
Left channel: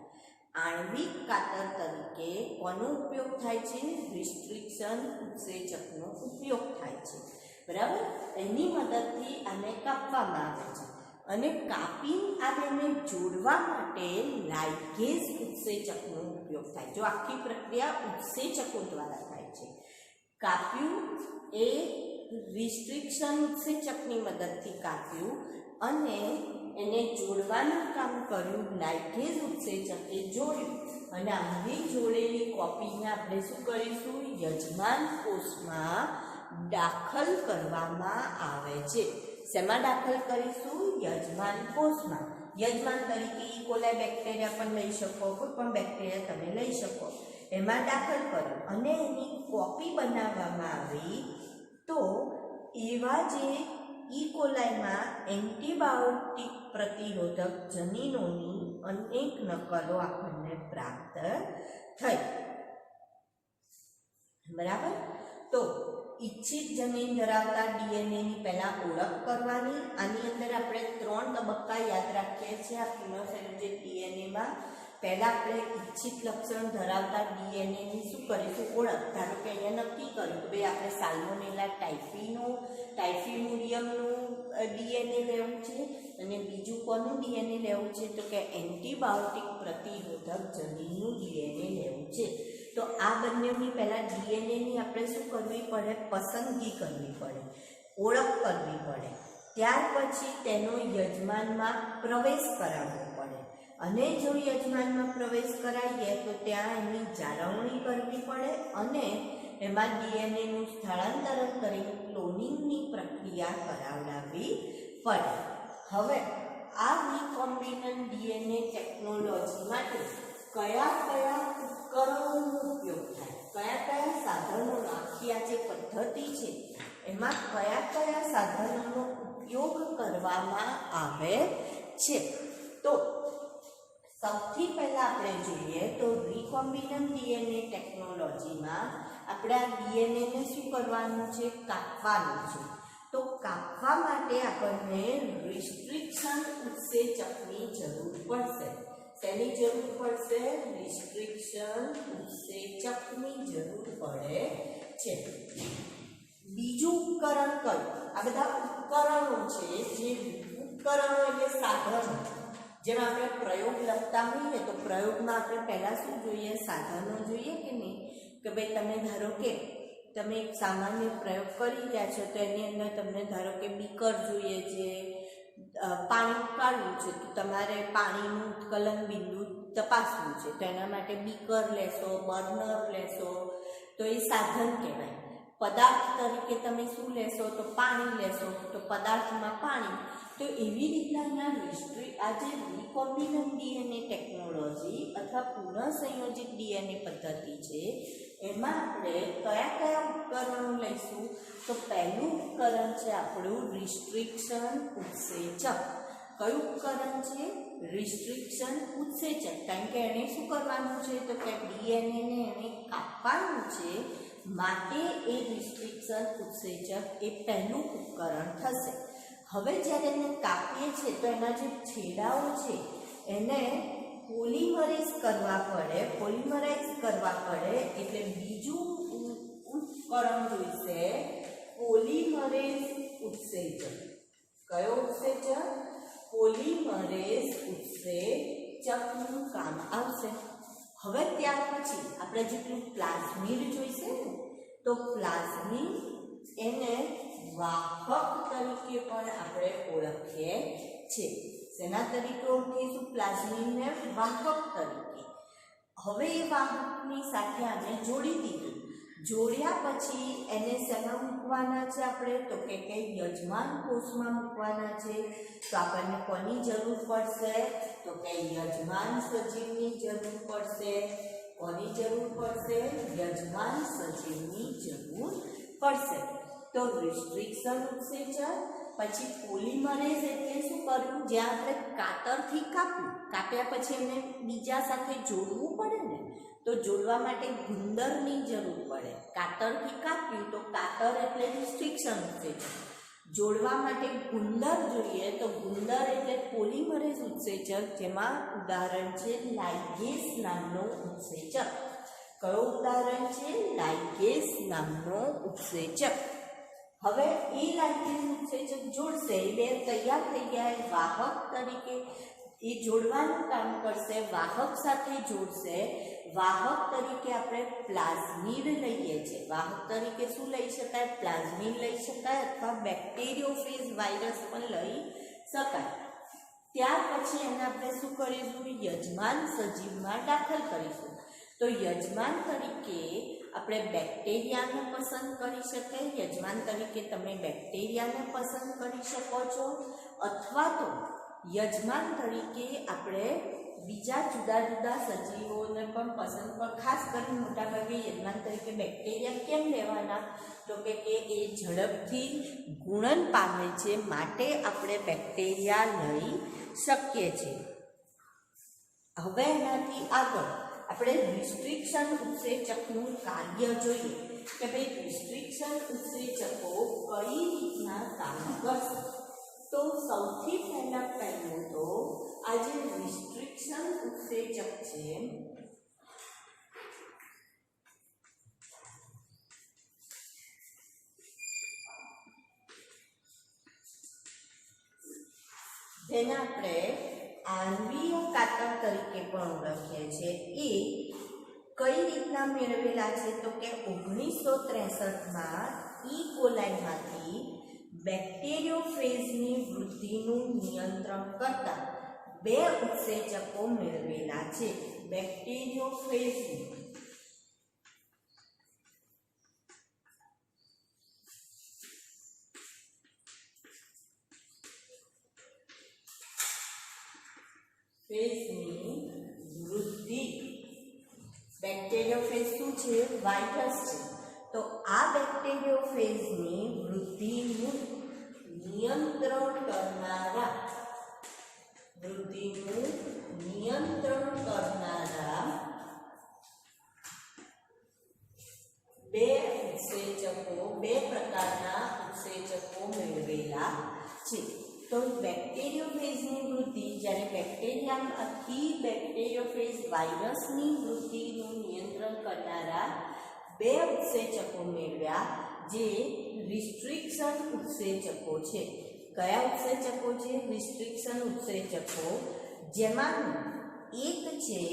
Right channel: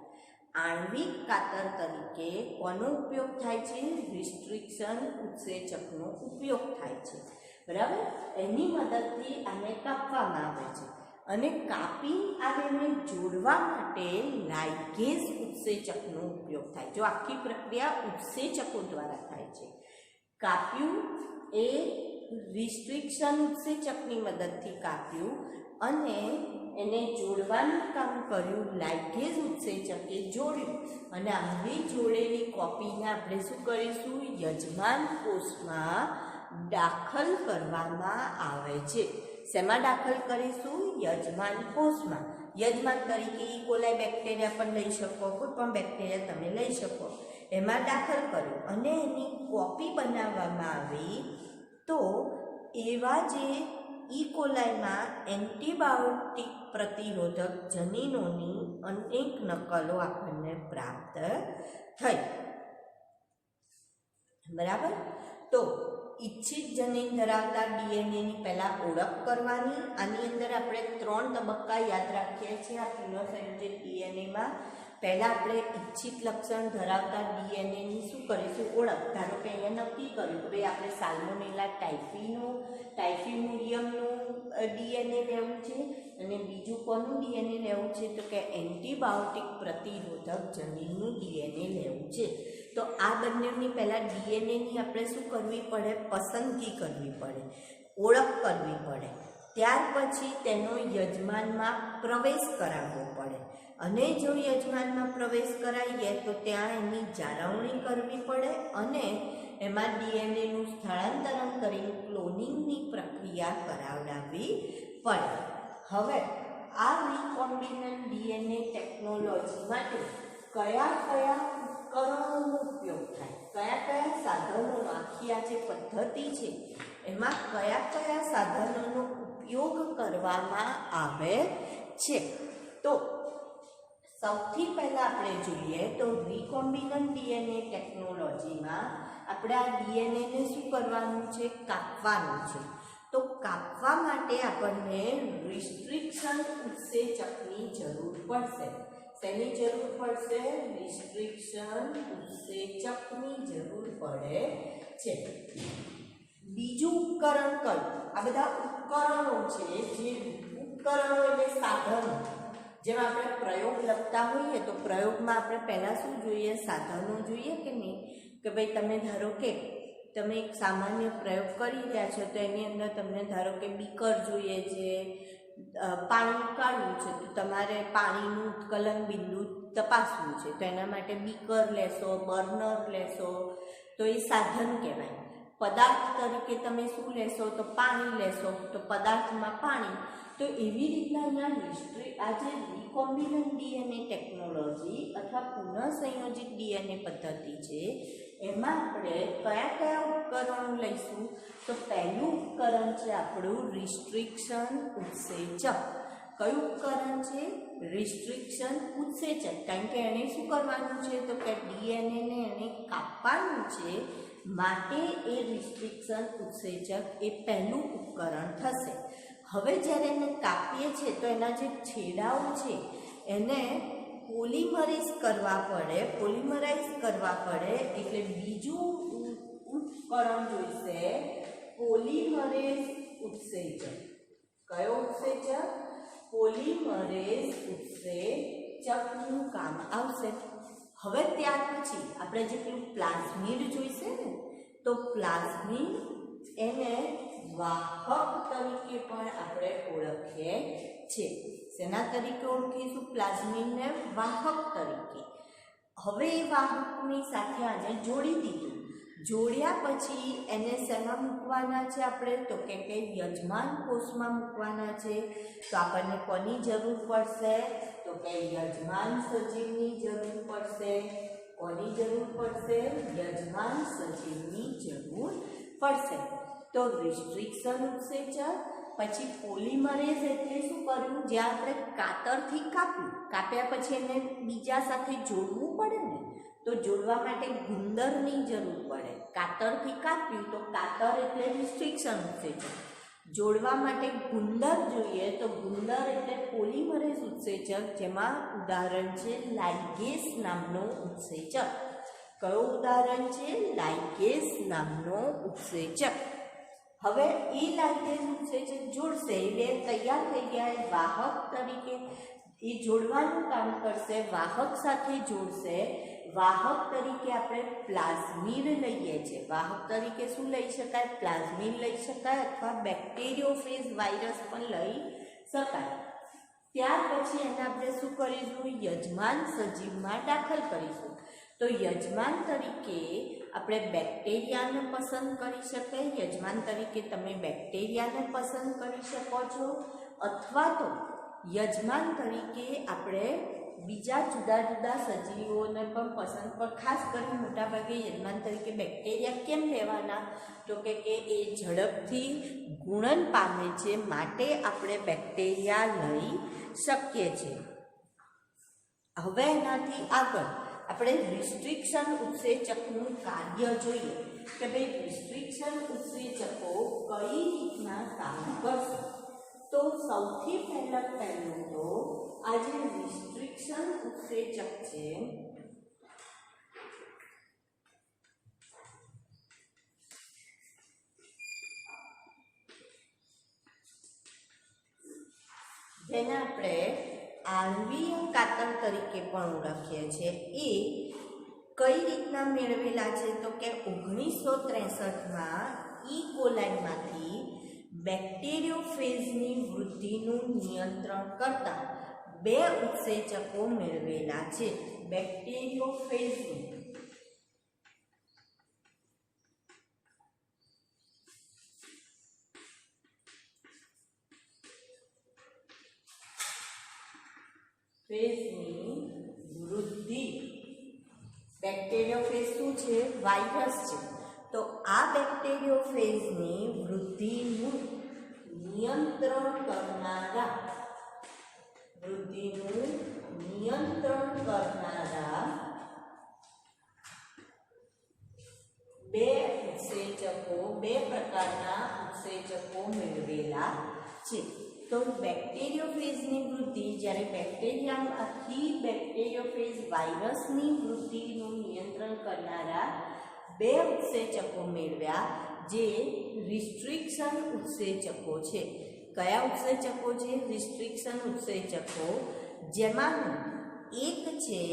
આણ્વિક કાતર તરીકે કોનો ઉપયોગ થાય છે? રિસ્ટ્રિક્શન ઉત્સેચકનો ઉપયોગ થાય છે, બરાબર. એની મદદથી આને કાપવામાં આવે છે અને કાપી આ બેને જોડવા માટે લાઇગેઝ ઉત્સેચકનો ઉપયોગ થાય. જો આખી પ્રક્રિયા ઉત્સેચકો દ્વારા થાય છે. કાપ્યું એ રિસ્ટ્રિક્શન ઉત્સેચકની મદદથી કાપ્યું અને એને જોડવાનું કામ કર્યું લાઇગેઝ ઉત્સેચકે જોડ્યું. અને આવી જોડેલી કોપીને આપણે શું કરીશું? યજમાન કોષમાં દાખલ કરવામાં આવે છે. શેમાં દાખલ કરીશું? યજમાન કોષમાં. યજમાન તરીકે ઈ કોલાઈ બેક્ટેરિયા પણ લઈ શકો, કોઈ પણ બેક્ટેરિયા તમે લઈ શકો. એમાં દાખલ કર્યું અને એની કોપી બનાવવામાં આવી. તો એવા જે ઈ કોલાઈમાં એન્ટીબાયોટિક પ્રતિરોધક જનીનોની અનેક નકલો આપણને પ્રાપ્ત થઈ, બરાબર. તો ઇચ્છિત જનીન ધરાવતા ડીએનએની પહેલાં ઓળખ કરવાની. આની અંદર આપણે 3 તબક્કા યાદ રાખીએ છીએ આ ફિનોસેન્ટ્રિક ડીએનએમાં. પહેલાં આપણે ઇચ્છિત લક્ષણ ધરાવતા ડીએનએની શું કરીશું? ઓળખ. ધારો કે અહીંયા નક્કી કર્યું કે ભાઈ આપણે સાલ્મોનેલા ટાઇફીમુરિયમનું ડીએનએ લેવું છે અને બીજું કોનું ડીએનએ લેવું છે? તો કે એન્ટીબાયોટિક પ્રતિરોધક જનીનનું ડીએનએ લેવું છે. તો આ બંનેની પહેલાં ડીએનએની આપણે શું કરવી પડે? પસંદગી કરવી પડે, ઓળખ કરવી પડે. ત્યાર પછી તેનો યજમાનમાં પ્રવેશ કરાવવો પડે અને જો યજમાનમાં પ્રવેશ કરાવીએ તો ત્યાં એની જાળવણી કરવી પડે અને એમાં ડીએનએનું સ્થળાંતરણ કરીને ક્લોનિંગની પ્રક્રિયા કરાવડાવવી પડે. હવે આ રિકોમ્બિનન્ટ ડીએનએ ટેકનોલોજી માટે કયા કયા ઉપકરણોનો ઉપયોગ થાય? કયા કયા સાધનોનો? આખી આ જે પદ્ધતિ છે એમાં કયા કયા સાધનોનો ઉપયોગ કરવામાં આવે છે? તો સૌથી પહેલા આપણે જોઈએ તો રિકોમ્બિનન્ટ ડીએનએ ટેકનોલોજીમાં આપણે આ ડીએનએને શું કરવાનું છે? કાપવાનું છે. તો કાપવા માટે આપણને રિસ્ટ્રિક્શન ઉત્સેચકની જરૂર પડશે. શેની જરૂર પડશે? રિસ્ટ્રિક્શન ઉત્સેચકની જરૂર પડે છે. બીજું ઉપકરણ કયું? આ બધા ઉપકરણો છે. જે ઉપકરણો એટલે સાધનો. જેમ આપણે પ્રયોગ લખતા હોઈએ તો પ્રયોગમાં આપણે પહેલાં શું જોઈએ? સાધનો જોઈએ કે નહીં? કે ભાઈ તમે ધારો કે તમે એક સામાન્ય પ્રયોગ કરી રહ્યા છો તો એની અંદર તમને ધારો કે બીકર જોઈએ છે, પાણી કાઢવું છે તો તમારે પાણીનું ઉત્કલન બિંદુ તપાસવું છે તો એના માટે બીકર લેશો, બર્નર લેશો, તો એ સાધન કહેવાય. પદાર્થ તરીકે તમે શું લેશો? તો પાણી લેશો, તો પદાર્થમાં પાણી. તો એવી રીતના આ જે રિકોમ્બિનન્ટ ડીએનએ ટેકનોલોજી અથવા પુનઃસંયોજિત ડીએનએ પદ્ધતિ છે એમાં આપણે કયા કયા ઉપકરણો લઈશું? તો પહેલું ઉપકરણ છે આપણું રિસ્ટ્રિક્શન ઉત્સેચક. કયું ઉપકરણ છે? રિસ્ટ્રિક્શન ઉત્સેચક. કારણ કે એને શું કરવાનું છે? તો કે ડીએનએને એને કાપવાનું છે, માટે એ રિસ્ટ્રિક્શન ઉત્સેચક એ પહેલું ઉપકરણ થશે. હવે જ્યારે એને કાપીએ છીએ તો એના જે છેડાઓ છે એને પોલિમરાઇઝ કરવા પડે. એટલે બીજું ઉપકરણ જોઈશે પોલિમરેઝ ઉત્સેચક. કયો ઉત્સેચક? પોલિમરેઝ ઉત્સેચકનું કામ આવશે. હવે ત્યાર પછી આપણે જેટલું પ્લાઝમિડ જોઈશે ને, તો પ્લાઝમિડ એને વાહક તરીકે પણ આપણે ઓળખીએ છીએ. શેના તરીકે ઓળખીશું? પ્લાઝમિડને વાહક તરીકે. હવે એ વાહકની સાથે આને જોડી દીધું. જોડ્યા પછી એને શેમાં મૂકવાના છે આપણે? તો કે યજમાન કોષમાં મૂકવાના છે. તો આપણને કોની જરૂર પડશે? તો કે યજમાન સજીવની જરૂર પડશે. કોની જરૂર પડશે? યજમાન સજીવની જરૂર પડશે. તો રિસ્ટ્રિક્શન ઉત્સેચક, પછી પોલિમરેઝ એટલે શું કરવું? જ્યાં આપણે કાતરથી કાપ્યા પછી એને બીજા સાથે જોડવું પડે ને, તો જોડવા માટે ગુંદરની જરૂર પડે. કાતરથી કાપ્યું તો કાતર એટલે રિસ્ટ્રિક્શન ઉત્સેચક. જોડવા માટે ગુંદર જોઈએ તો ગુંદર એટલે પોલિમરેઝ ઉત્સેચક, જેમાં ઉદાહરણ છે લાઇગેસ નામનો ઉત્સેચક. કયો ઉદાહરણ છે? લાઇગેસ નામનો ઉત્સેચક. હવે એ લાઇગેસ ઉત્સેચક જોડશે એટલે તૈયાર થઈ ગયા વાહક તરીકે. એ જોડવાનું કામ કરશે, વાહક સાથે જોડશે. વાહક તરીકે આપણે પ્લાઝમિડ લઈએ છીએ. વાહક તરીકે શું લઈ શકાય? પ્લાઝમિડ લઈ શકાય, અથવા બેક્ટેરિયોફેજ વાયરસ પણ લઈ શકાય. ત્યાર પછી એને આપણે શું કરીશું? યજમાન સજીવમાં દાખલ કરીશું. તો યજમાન તરીકે આપણે બેક્ટેરિયાને પસંદ કરી શકીએ. યજમાન તરીકે તમે બેક્ટેરિયાને પસંદ કરી શકો છો, અથવા તો યજમાન તરીકે આપણે બીજા જુદા જુદા સજીવોને પણ પસંદ કર. ખાસ કરીને મોટાભાગે યજમાન તરીકે બેક્ટેરિયા કેમ લેવાના? તો કે એ ઝડપથી ગુણન પામે છે, માટે આપણે બેક્ટેરિયા લઈ શકીએ છીએ. હવે એનાથી આગળ આપણે રિસ્ટ્રિક્શન ઉત્સેચકનું કાર્ય જોઈએ કે ભાઈ રિસ્ટ્રિક્શન ઉત્સેચકો કઈ રીતના કામ કરશે. તો સૌથી પહેલું તો આ જે રિસ્ટ્રિક્શન ઉત્સેચક છે જેને આપણે આણ્વીય કાતર તરીકે પણ ઓળખીએ છીએ, એ કઈ રીતના મેળવેલા છે? તો કે 1963માં ઈ કોલાઈમાંથી બેક્ટેરિયોફેજની વૃદ્ધિનું નિયંત્રણ કરતા 2 ઉત્સેચકો મેળવેલા છે. બેક્ટેરિયોફેજની વૃદ્ધિ. બેક્ટેરિયોફેજ શું છે? વાયરસ છે. તો આ બેક્ટેરિયોફેજની વૃદ્ધિનું નિયંત્રણ કરનારા નિયંત્રણ કરનારા બે પ્રકારના ઉત્સેચકો મેળવેલા છે। તો બેક્ટેરિયોફેજની વૃદ્ધિ, જ્યારે બેક્ટેરિયામાંથી બેક્ટેરિયોફેજ વાયરસની વૃદ્ધિનું નિયંત્રણ કરનારા બે ઉત્સેચકો મેળવ્યા, જે રિસ્ટ્રિક્શન ઉત્સેચકો છે। કયા ઉત્સેચકો છે? રિસ્ટ્રિક્શન ઉત્સેચકો, જેમાંનું એક છે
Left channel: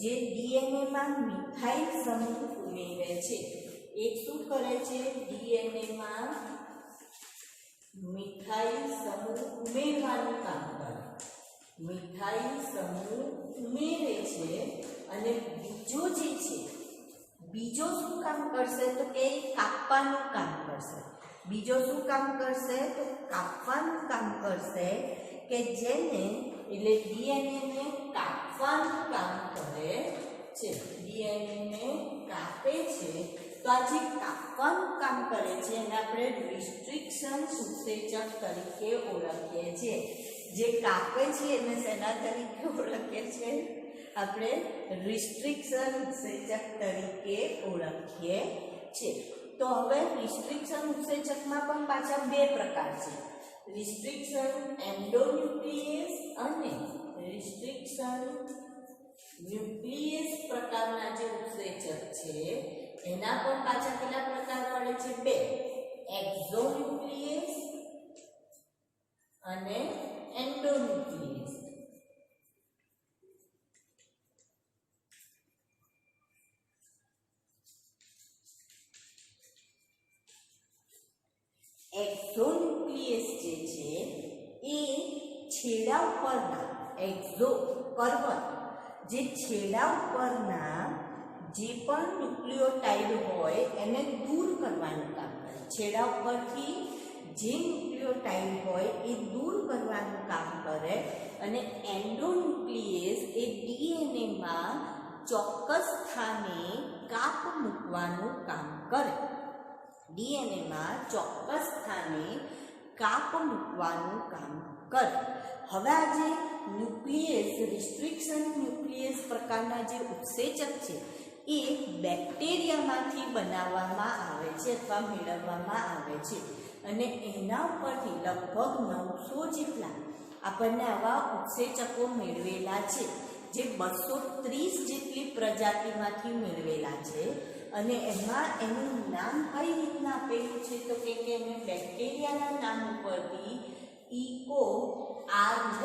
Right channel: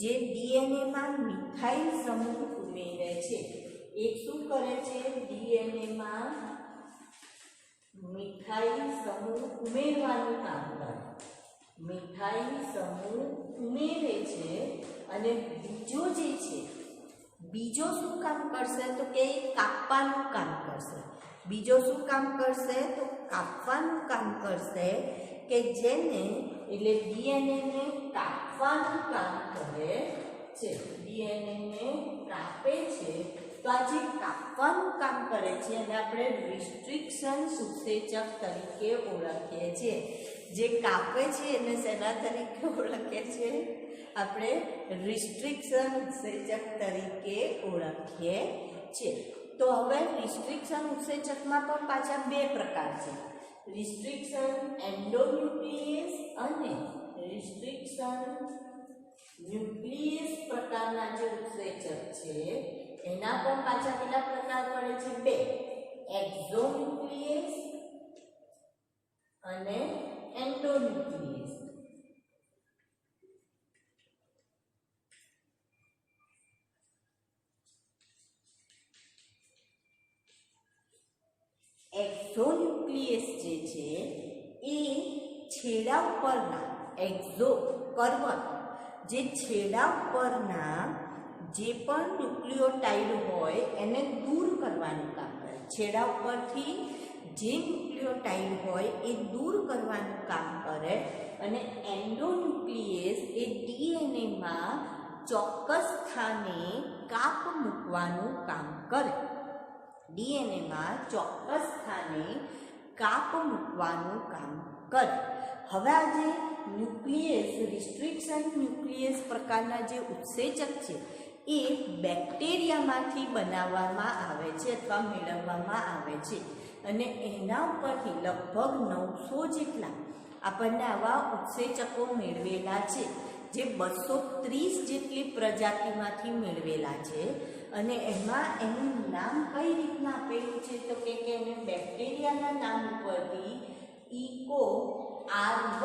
જે ડીએનએમાં મિથાઇલ સમૂહ ઉમેરે છે। એક શું કરે છે? ડીએનએમાં મિથાઇલ સમૂહ ઉમેરવાનું કામ કરે, મિથાઇલ સમૂહ ઉમેરે છે। અને બીજો જે છે, બીજો શું કામ કરશે? તો કે કાપવાનું કામ કરશે। બીજો શું કામ કરશે? તો કાપવાનું કામ કરશે, કે જેને એટલે ડીએનએ ને કાપવાનું કામ કરે છે। ડીએનએ ને કાપે છે, તો આ જે કાપવાનું કામ કરે છે એને આપણે રિસ્ટ્રિક્શન ઉત્સેચક તરીકે ઓળખીએ છીએ। જે કાપે છે એને શેના તરીકે ઓળખીએ છીએ? આપણે રિસ્ટ્રિક્શન ઉત્સેચક તરીકે ઓળખીએ છીએ। તો હવે રિસ્ટ્રિક્શન ઉત્સેચકમાં પણ પાછા બે પ્રકાર છે, રિસ્ટ્રિક્શન એન્ડોન્યુક્લિયસ અને રિસ્ટ્રિક્શન ન્યુક્લિયસ પ્રકારના જે ઉત્સેચક છે એના પણ પાછા કેટલા પ્રકાર પડે છે? બે, એક્ઝોન્યુક્લિયસ અને એન્ડોન્યુક્લિયસ। એક્ઝોન્યુક્લિયસ જે છે એ છેડા ઉપરના એક્ઝો કર્વન, જે છેડા ઉપરના જે પણ ન્યુક્લિયોટાઇડ હોય એને દૂર કરવાનું કામ કરે। છેડા ઉપરથી જે ન્યુક્લિયોટાઇડ હોય એ દૂર કરવાનું કામ કરે। અને એન્ડોન્યુક્લિયસ એ ડીએનએમાં ચોક્કસ સ્થાને કાપ મૂકવાનું કામ કરે। ડીએનએમાં ચોક્કસ સ્થાને કાપ મૂકવાનું કામ કરે। હવે આ જે ન્યુક્લિયસ, રિસ્ટ્રિક્શન ન્યુક્લિયસ પ્રકારના જે ઉત્સેચક છે એ બેક્ટેરિયામાંથી બનાવવામાં આવે છે અથવા મેળવવામાં આવે છે। અને એના ઉપરથી લગભગ 900 જેટલા આપણને આવા ઉત્સેચકો મેળવેલા છે, જે 230 જેટલી પ્રજાતિમાંથી મેળવેલા છે। અને એમાં એનું નામ કઈ રીતના આપેલું છે? તો કે એને બેક્ટેરિયાના નામ ઉપરથી ઇકો R1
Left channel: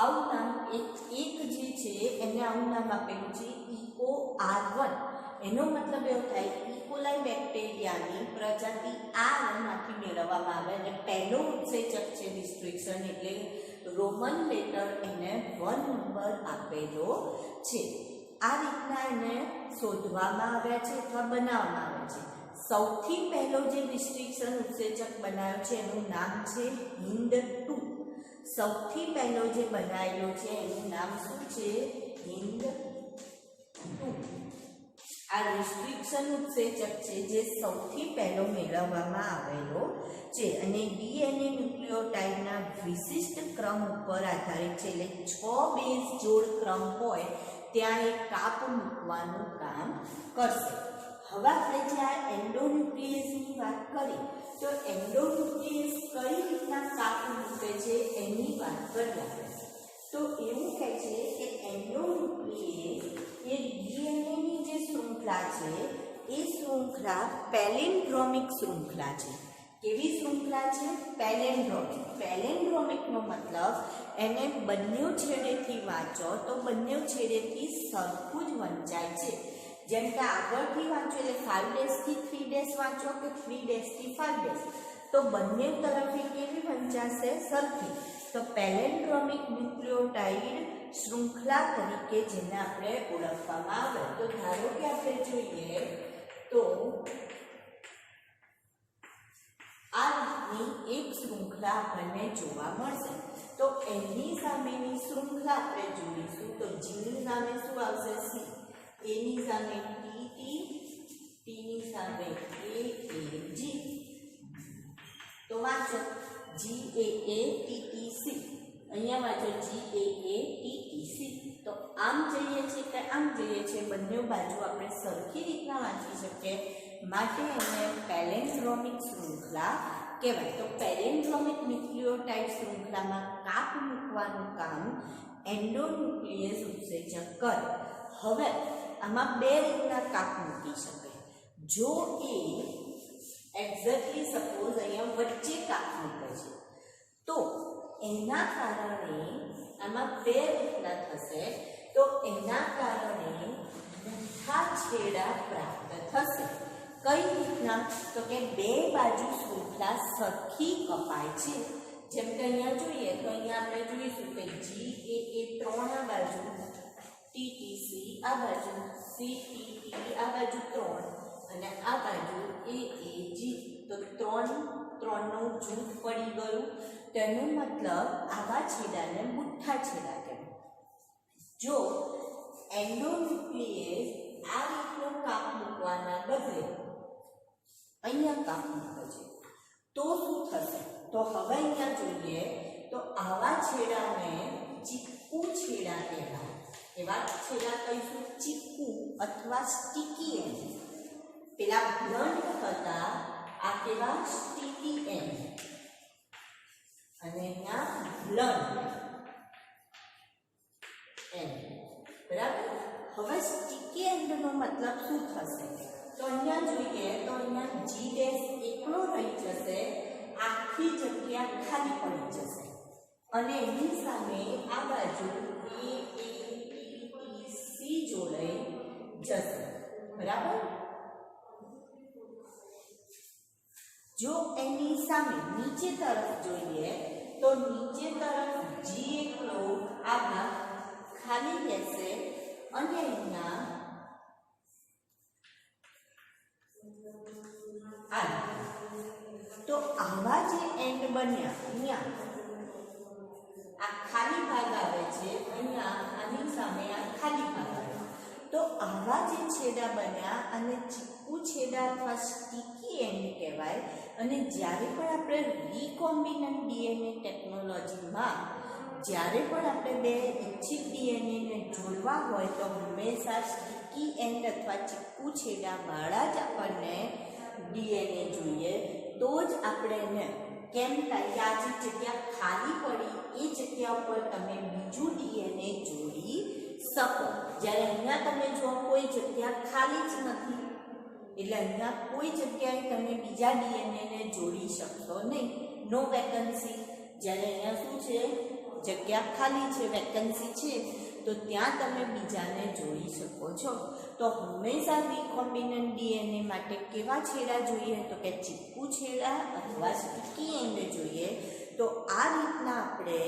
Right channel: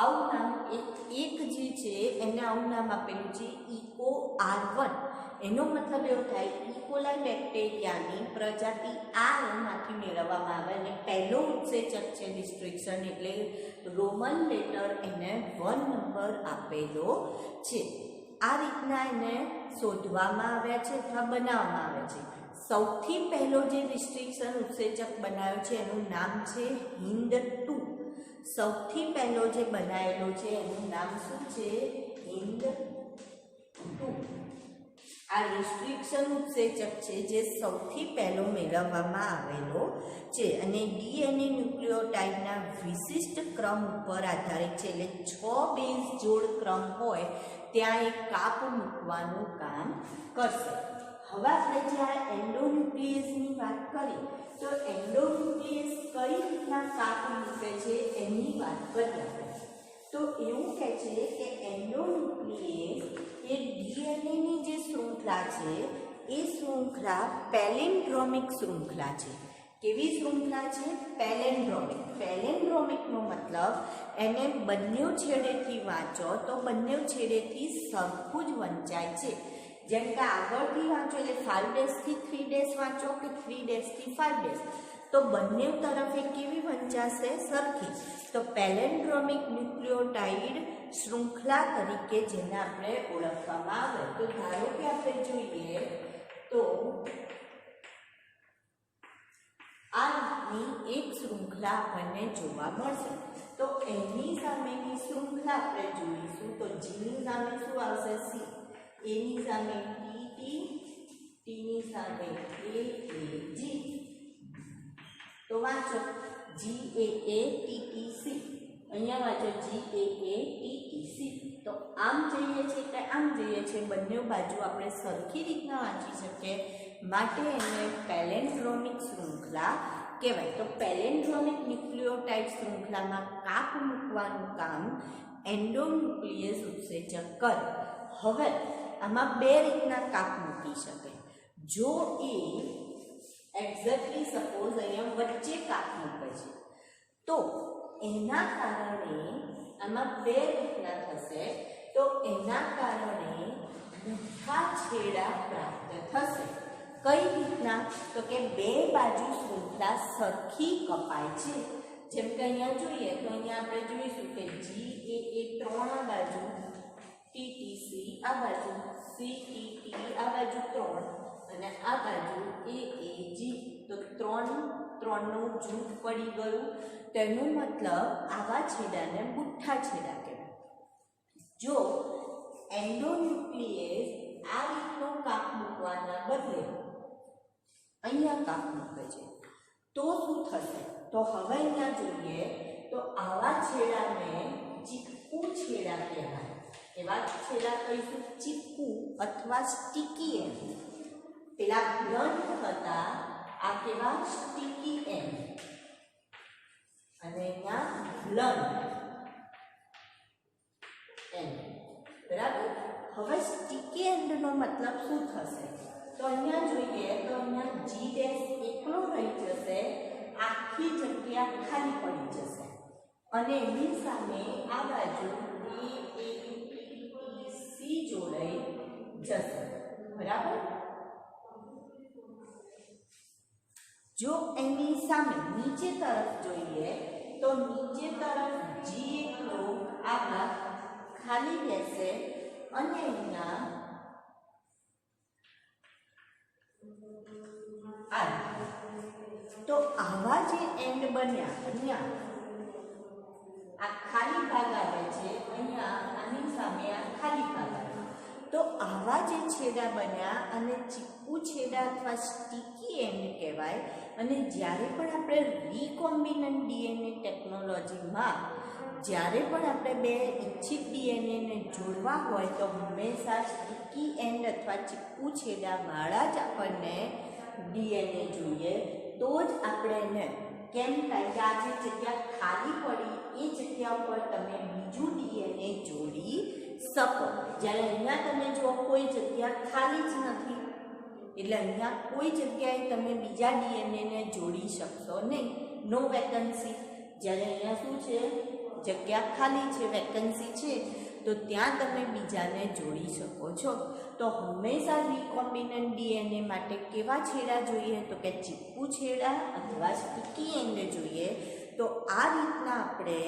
આવું નામ એક જે છે એને આવું નામ આપેલું છે, ઇકો R1। એનો મતલબ એવો થાય, ઇકોલાઈ બેક્ટેરિયાની પ્રજાતિ R માંથી મેળવવામાં આવે અને પહેલો ઉત્સેચક છે રિસ્ટ્રિક્શન, એટલે રોમન લેટર એને 1 નંબર આપેલો છે। આ રીતના એને શોધવામાં આવ્યા છે અથવા બનાવવામાં આવે છે। સૌથી પહેલો જે રિસ્ટ્રિક્શન ઉત્સેચક બનાવ્યો છે એનું નામ છે HIND2। સૌથી પહેલો જે બનાવેલો છે એનું નામ શું છે? HIND2। આ રિસ્ટ્રિક્શન ઉત્સેચક છે જે સૌથી પહેલો મેળવવામાં આવેલો છે। અને ડીએનએ ન્યુક્લિયોટાઇડના વિશિષ્ટ ક્રમ ઉપર આધારિત છે, એટલે 6 બેઝ જોડ ક્રમ હોય ત્યાં એક કાપ મૂકવાનું કામ કરશે। હવે આપણે જે આ એન્ડોન્યુક્લિયસની વાત કરી, તો એન્ડોન્યુક્લિયસ કઈ રીતના કાપ મૂકે છે એની વાત કરીએ આપણે। તો એવું કહે છે કે એન્ડોન્યુક્લિયસ એ ડીએનએની જે શૃંખલા છે એ શૃંખલા પેલિન્ડ્રોમિક શૃંખલા છે। કેવી શૃંખલા છે? પેલિન્ડ્રોમિક। પેલિન્ડ્રોમિકનો મતલબ એને બંને છેડેથી વાંચો તો બંને છેડેથી સરખું જ વંચાય છે। જેમ કે આગળથી વાંચો એટલે 5 ડેશથી 3 ડેશ વાંચો કે 3 ડેશથી 5 ડેશ, તો બંને તરફે કેવી વંચાશે? સરખી। તો પેલિન્ડ્રોમિક ન્યુક્લિયોટાઇડ શૃંખલા તરીકે જેને આપણે ઓળખવામાં આવે, તો ધારો કે આપણે જોઈએ તો આ રીતની એક શૃંખલા આપણને જોવા મળશે। તો એની સામેની શૃંખલા આપણે જોઈશું, તો જીની સામે શું આવશે? સી, એની સામે ટી, ટીની સામે એ, જી। તો વાંચો GAA TTC। અહીંયા વાંચો GAATTC. તો આમ જોઈએ છે કે આમ જોઈએ છે, બંને બાજુ આપણે સરખી રીતના વાંચી શકીએ માટે એને પેલેન્ડ્રોમિક શૃંખલા કહેવાય. તો પેલેન્ડ્રોમિક ન્યુક્લિયોટાઇડ શૃંખલામાં કાપ મૂકવાનું કામ એન્ડોન્યુક્લિયસ ઉત્સેચક કરે. હવે આમાં બે રીતના કાપ મૂકી શકે. જો એ એક્ઝેક્ટલી સપોઝ અહીંયા વચ્ચે કાપ મૂકે છે તો એના કારણે આમાં બે રીતના થશે. તો એના કારણે બુઠ્ઠા છેડા પ્રાપ્ત થશે. કઈ રીતના? તો કે બે બાજુ શૃંખલા સરખી કપાય છે. જેમ કે અહીંયા જોઈએ તો અહીંયા આપણે જોઈશું કે GAA 3 આ બાજુ, TTC આ બાજુ, CTT આ બાજુ 3 અને આ બાજુ AAG. તો 3 નું જૂથ પડી ગયું. તેનો મતલબ આવા છેડાને બુઠ્ઠા છેડા કહેવાય. જો એન્ડોન્યુક્લિયસ આ રીતનો કાપ મૂકવાના બદલે અહીંયા કાપ મૂકે છે તો શું થશે? તો હવે અહીંયા જોઈએ તો આવા છેડાને ચીપકુ છેડા કહેવાય. એવા છેડા કહીશું ચીપકુ અથવા સ્ટીકી એન્ડ. પેલા બ્લન્ટ હતા, આ કેવા સ્ટીકી એન્ડ, અને અહીંયા બ્લન્ટ એન્ડ. બરાબર. હવે સ્ટીકી એન્ડનો મતલબ શું થશે? તો અહીંયા જોઈએ તો અહીંયા G' એકલો રહી જશે, આખી જગ્યા ખાલી પડી જશે અને એની સામે આ બાજુ AATTC જોડાઈ જશે. બરાબર. જો એની સામે નીચે તરફ જોઈએ તો નીચે તરફ G એકલો આ ભાગ ખાલી રહેશે અને અહીંયા તો આવા જે એન્ડ બન્યા, અહીંયા આ ખાલી ભાગ આવે છે, અહીંયા આની સામે આ ખાલી ભાગ આવે. તો આવા જે છેડા બન્યા અને ચીપકુ છેડા અથવા સ્ટીકી એન્ડ કહેવાય. અને જ્યારે પણ આપણે રીકોમ્બિનન્ટ DNA ટેકનોલોજીમાં જ્યારે પણ આપણે બે ઇચ્છિત DNAને જોડવા હોય તો હંમેશા સ્ટીકી એન્ડ અથવા ચીપકુ છેડાવાળા જ આપણને DNA જોઈએ. તો જ આપણે એને કેમ થાય કે આ જે જગ્યા ખાલી પડી એ જગ્યા ઉપર તમે બીજું DNA જોડી શકો. જ્યારે અહીંયા તમે જો કોઈ જગ્યા ખાલી જ નથી, એટલે અહીંયા કોઈ જગ્યાએ તમે બીજા DNAને જોડી શકશો નહીં, નો વેકન્સી. જ્યારે અહીંયા શું છે? જગ્યા ખાલી છે, વેકન્સી છે, તો ત્યાં તમે બીજાને જોડી શકો છો. તો હંમેશા રીકોમ્બિનન્ટ DNA માટે કેવા છેડા જોઈએ? તો કે ચીપકુ છેડા અથવા સ્ટીકી એન્ડ જોઈએ. તો આ રીતના આપણે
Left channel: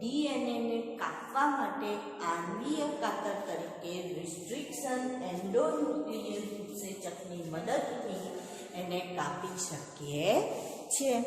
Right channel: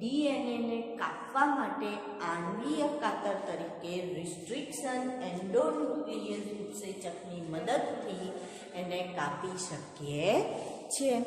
DNAને કાપવા માટે આણ્વીય કાતર તરીકે રિસ્ટ્રિક્શન એન્ડોન્યુક્લિયસ ઉત્સેચકની મદદથી એને કાપી શકીએ છીએ.